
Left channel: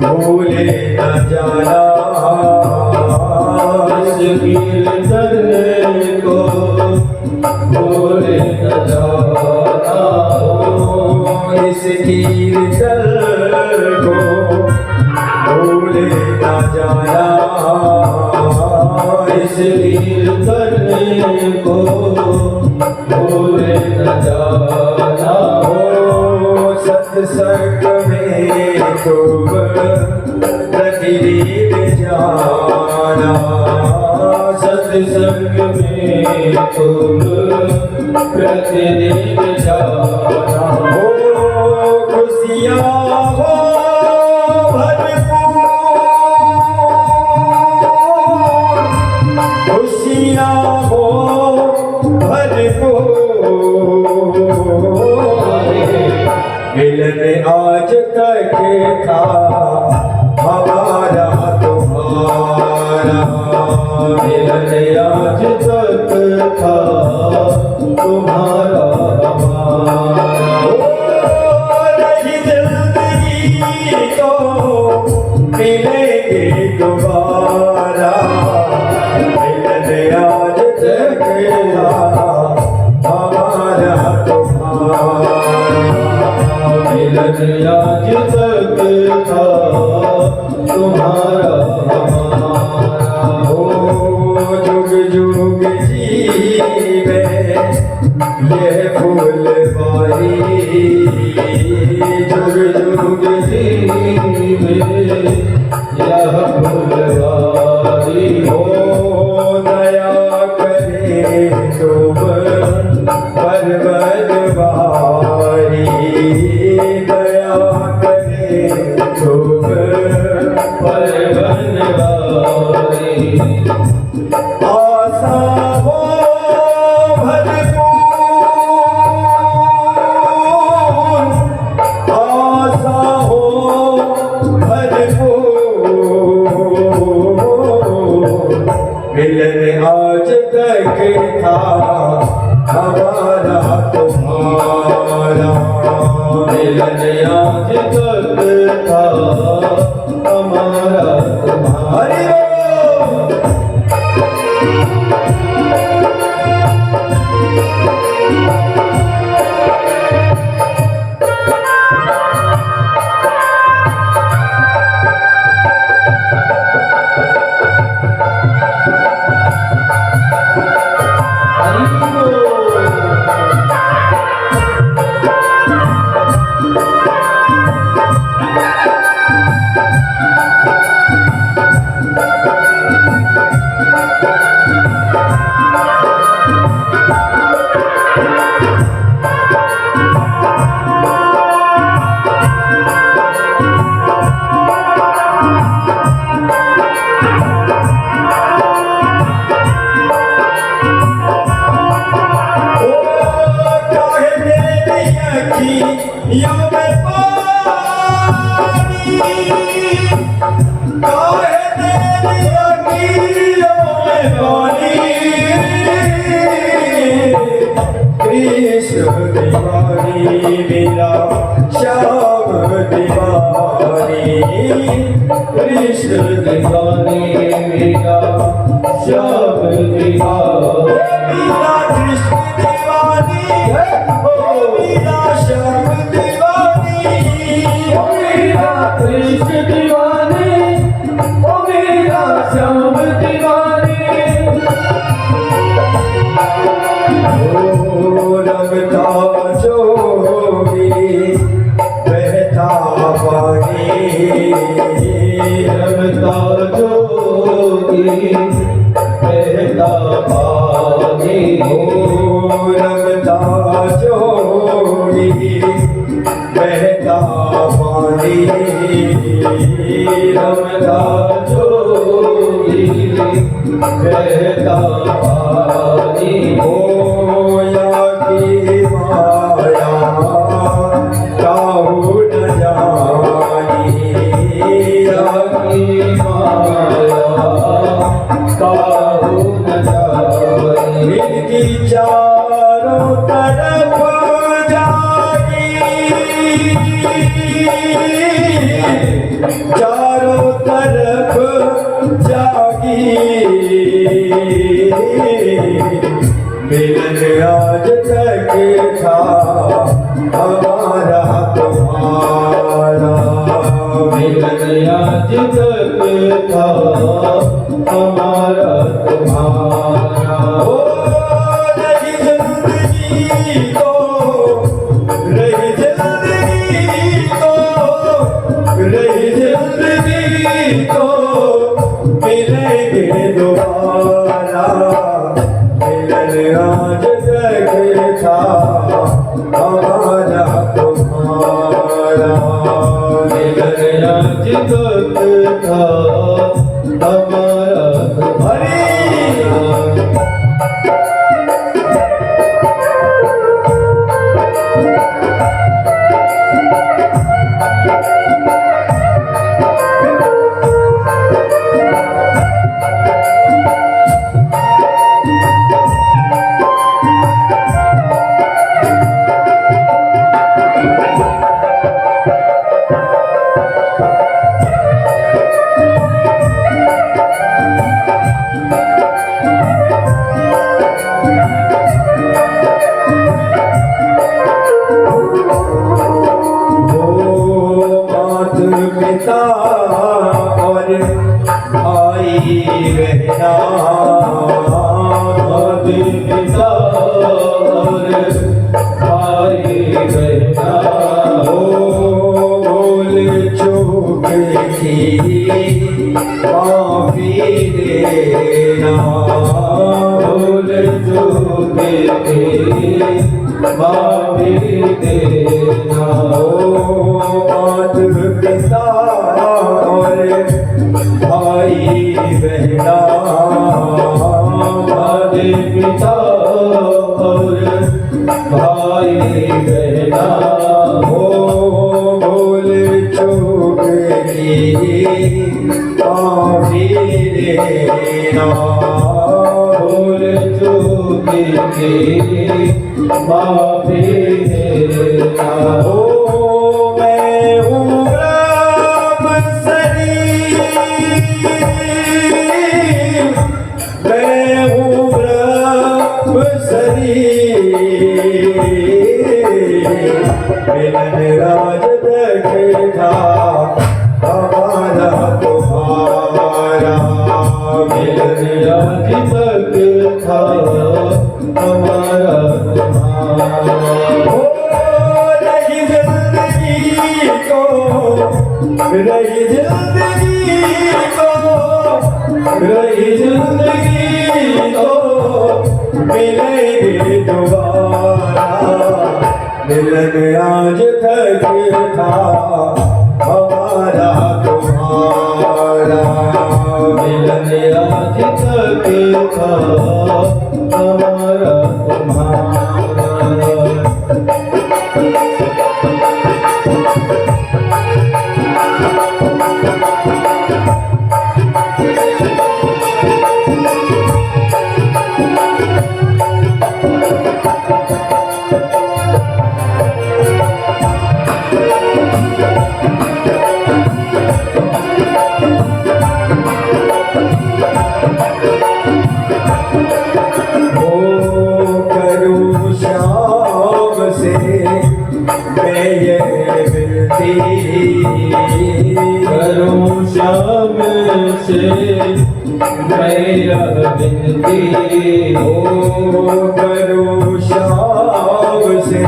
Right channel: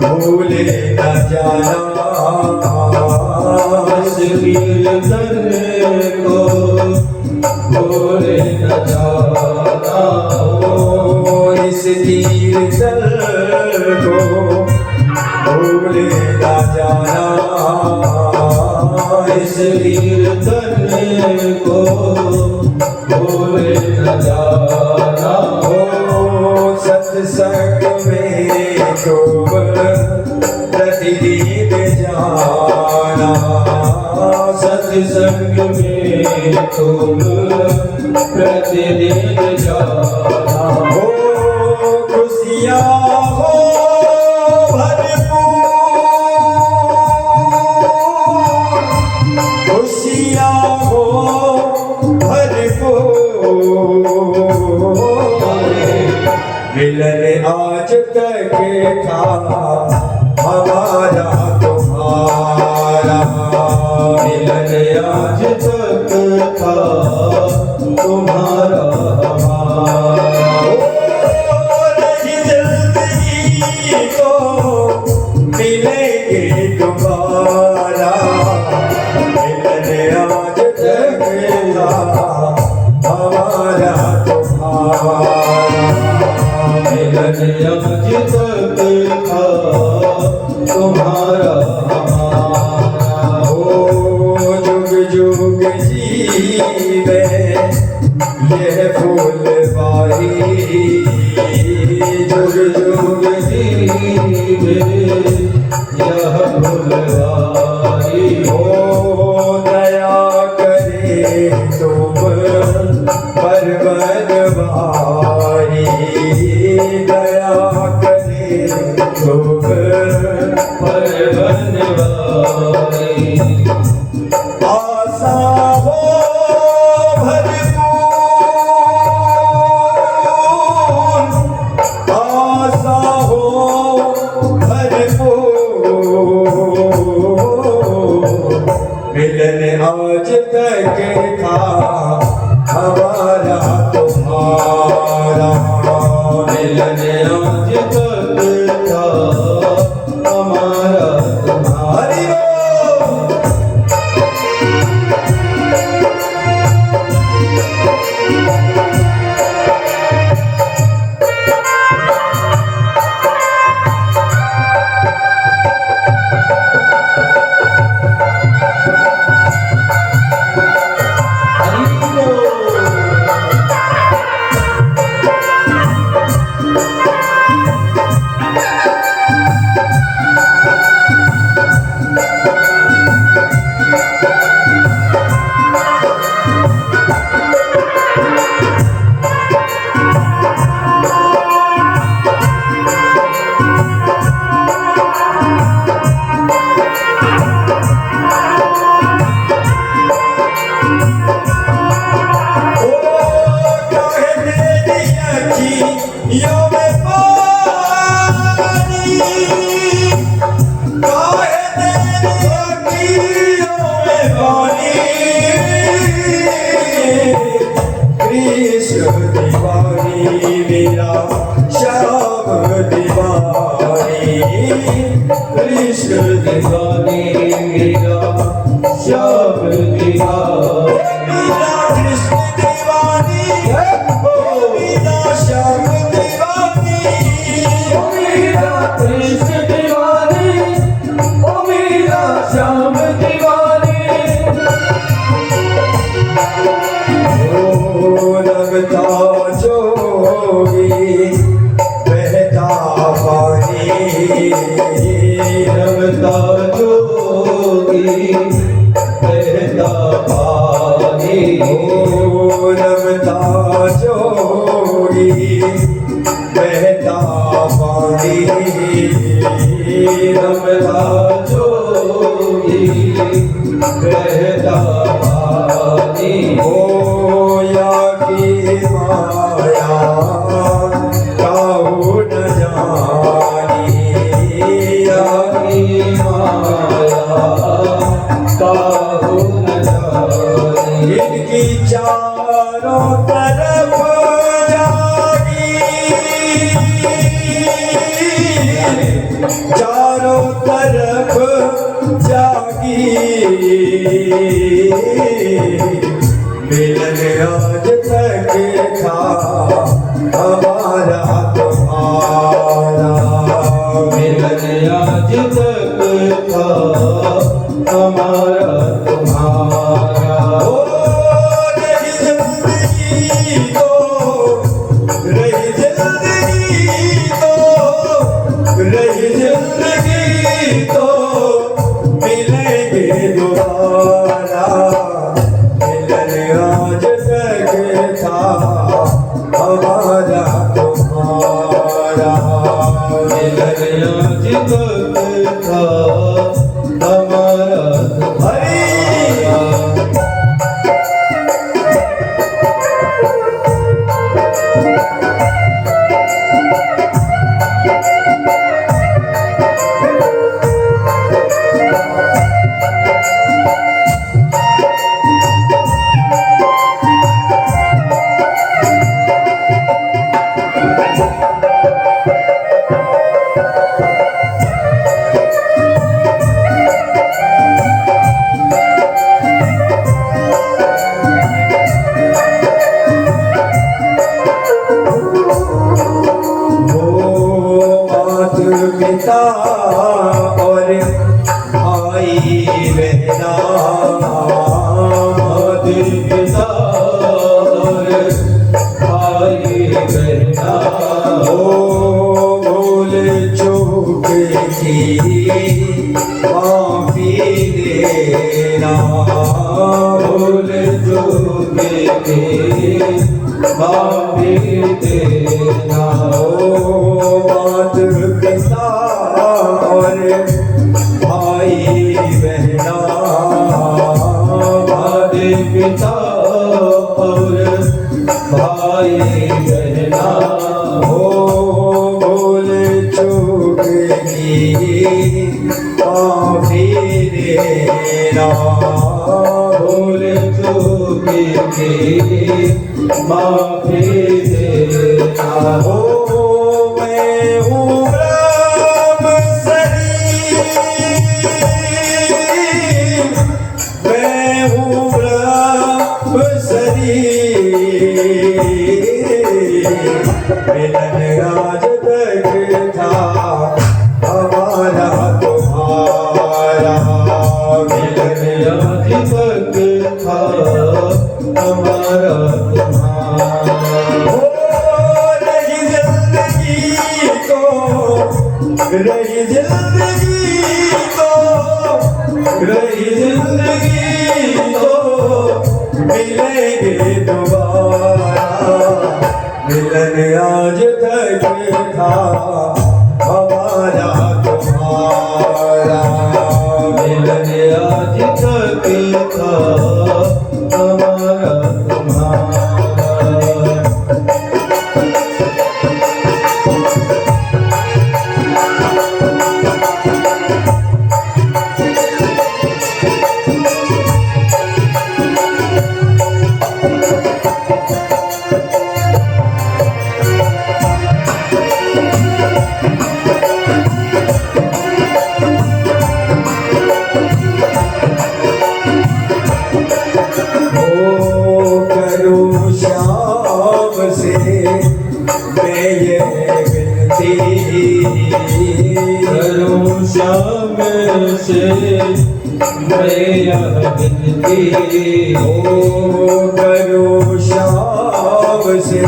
भूले न जाना इस कीर्तन को, भूले न जाना इस कीर्तन को, भूले न जाना इस कीर्तन को, भूले न जाना। सत्संग में तो प्रतिदिन सत्संग में तुम प्रतिदिन जाना हो खुशियाँ हो भरपूर, खुशियाँ हो भरपूर, मिलन आज तक था हमारा तुम्हारा, मिलन आज तक था तुम्हारा हमारा नहीं जल्दी तो मिलेंगे दोबारा, मिलन आज तक था हमारा तुम्हारा, मिलन आज तक था तुम्हारा हमारा ओ जुग जुग जीवे ये फूलवारी, जुग जुग जीवे यह फुलवारी ओ दया करे तुम पर बनवारी, दया करे तुम पर बनवारी आशा हो भरपूर, आशा हो भरपूर, मिलन आज तक था हमारा तुम्हारा, मिलन आज तक था हमारा तुम्हारा हरि बोल। कृष्ण दीवानी मेरा श्याम दीवानी, कृष्ण दीवानी मेरा श्याम दीवानी मेरा कृष्ण दीवानी ओ मेरा श्याम दीवानी, मेरा कृष्ण दीवानी ओ मेरा श्याम दीवानी ओ रमता जोगी बहता पानी, रमता जोगी बहता पानी ओ रमता जोगी बहता पानी, रमता जोगी बहता पानी ओ या की माया काहू न जानी, या की माया काहू न जानी इनकी चारों तरफ जागी, चारों तरफ जागी, मिलन आज तक था हमारा तुम्हारा, मिलन आज तक था हमारा तुम्हारा ओ रही जिंदगी तो, रही जिंदगी तो, रही जिंदगी तो मिलेंगे दोबारा, तक था हमारा तुम्हारा मिलन आज तक था हमारा तुम्हारा। पिता और भाई रहना पिता और भाई रहना। भूल चूक की माफी देना भूल चूक की माफी देना। मात पिता और भाई बहना हमारे पिता और भाई बहना। भूल चूक की माफी देना भूल चूक की माफी देना। मैं हूँ ब्रह्मचारी, मैं हूँ ब्रह्मचारी। मिलन राज तक था हमारा तुम्हारा मिलन आज तक था हमारा तुम्हारा। रही जिंदगी तो रही जिंदगी तो मिलेंगे दोबारा। मिलन आज तक था हमारा तुम्हारा मिलन आज तक था हमारा तुम्हारा। करूँ श्याम से मैं ये विनती करूं श्याम से मैं यह विनती। करूँ श्याम से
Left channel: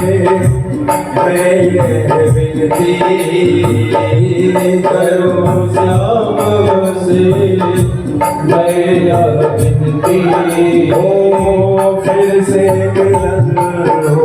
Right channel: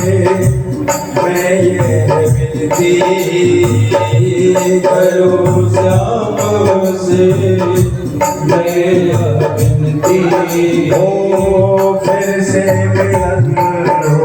मैं ये विनती करूं श्याम से मैं यह विनती। फिर से मिलन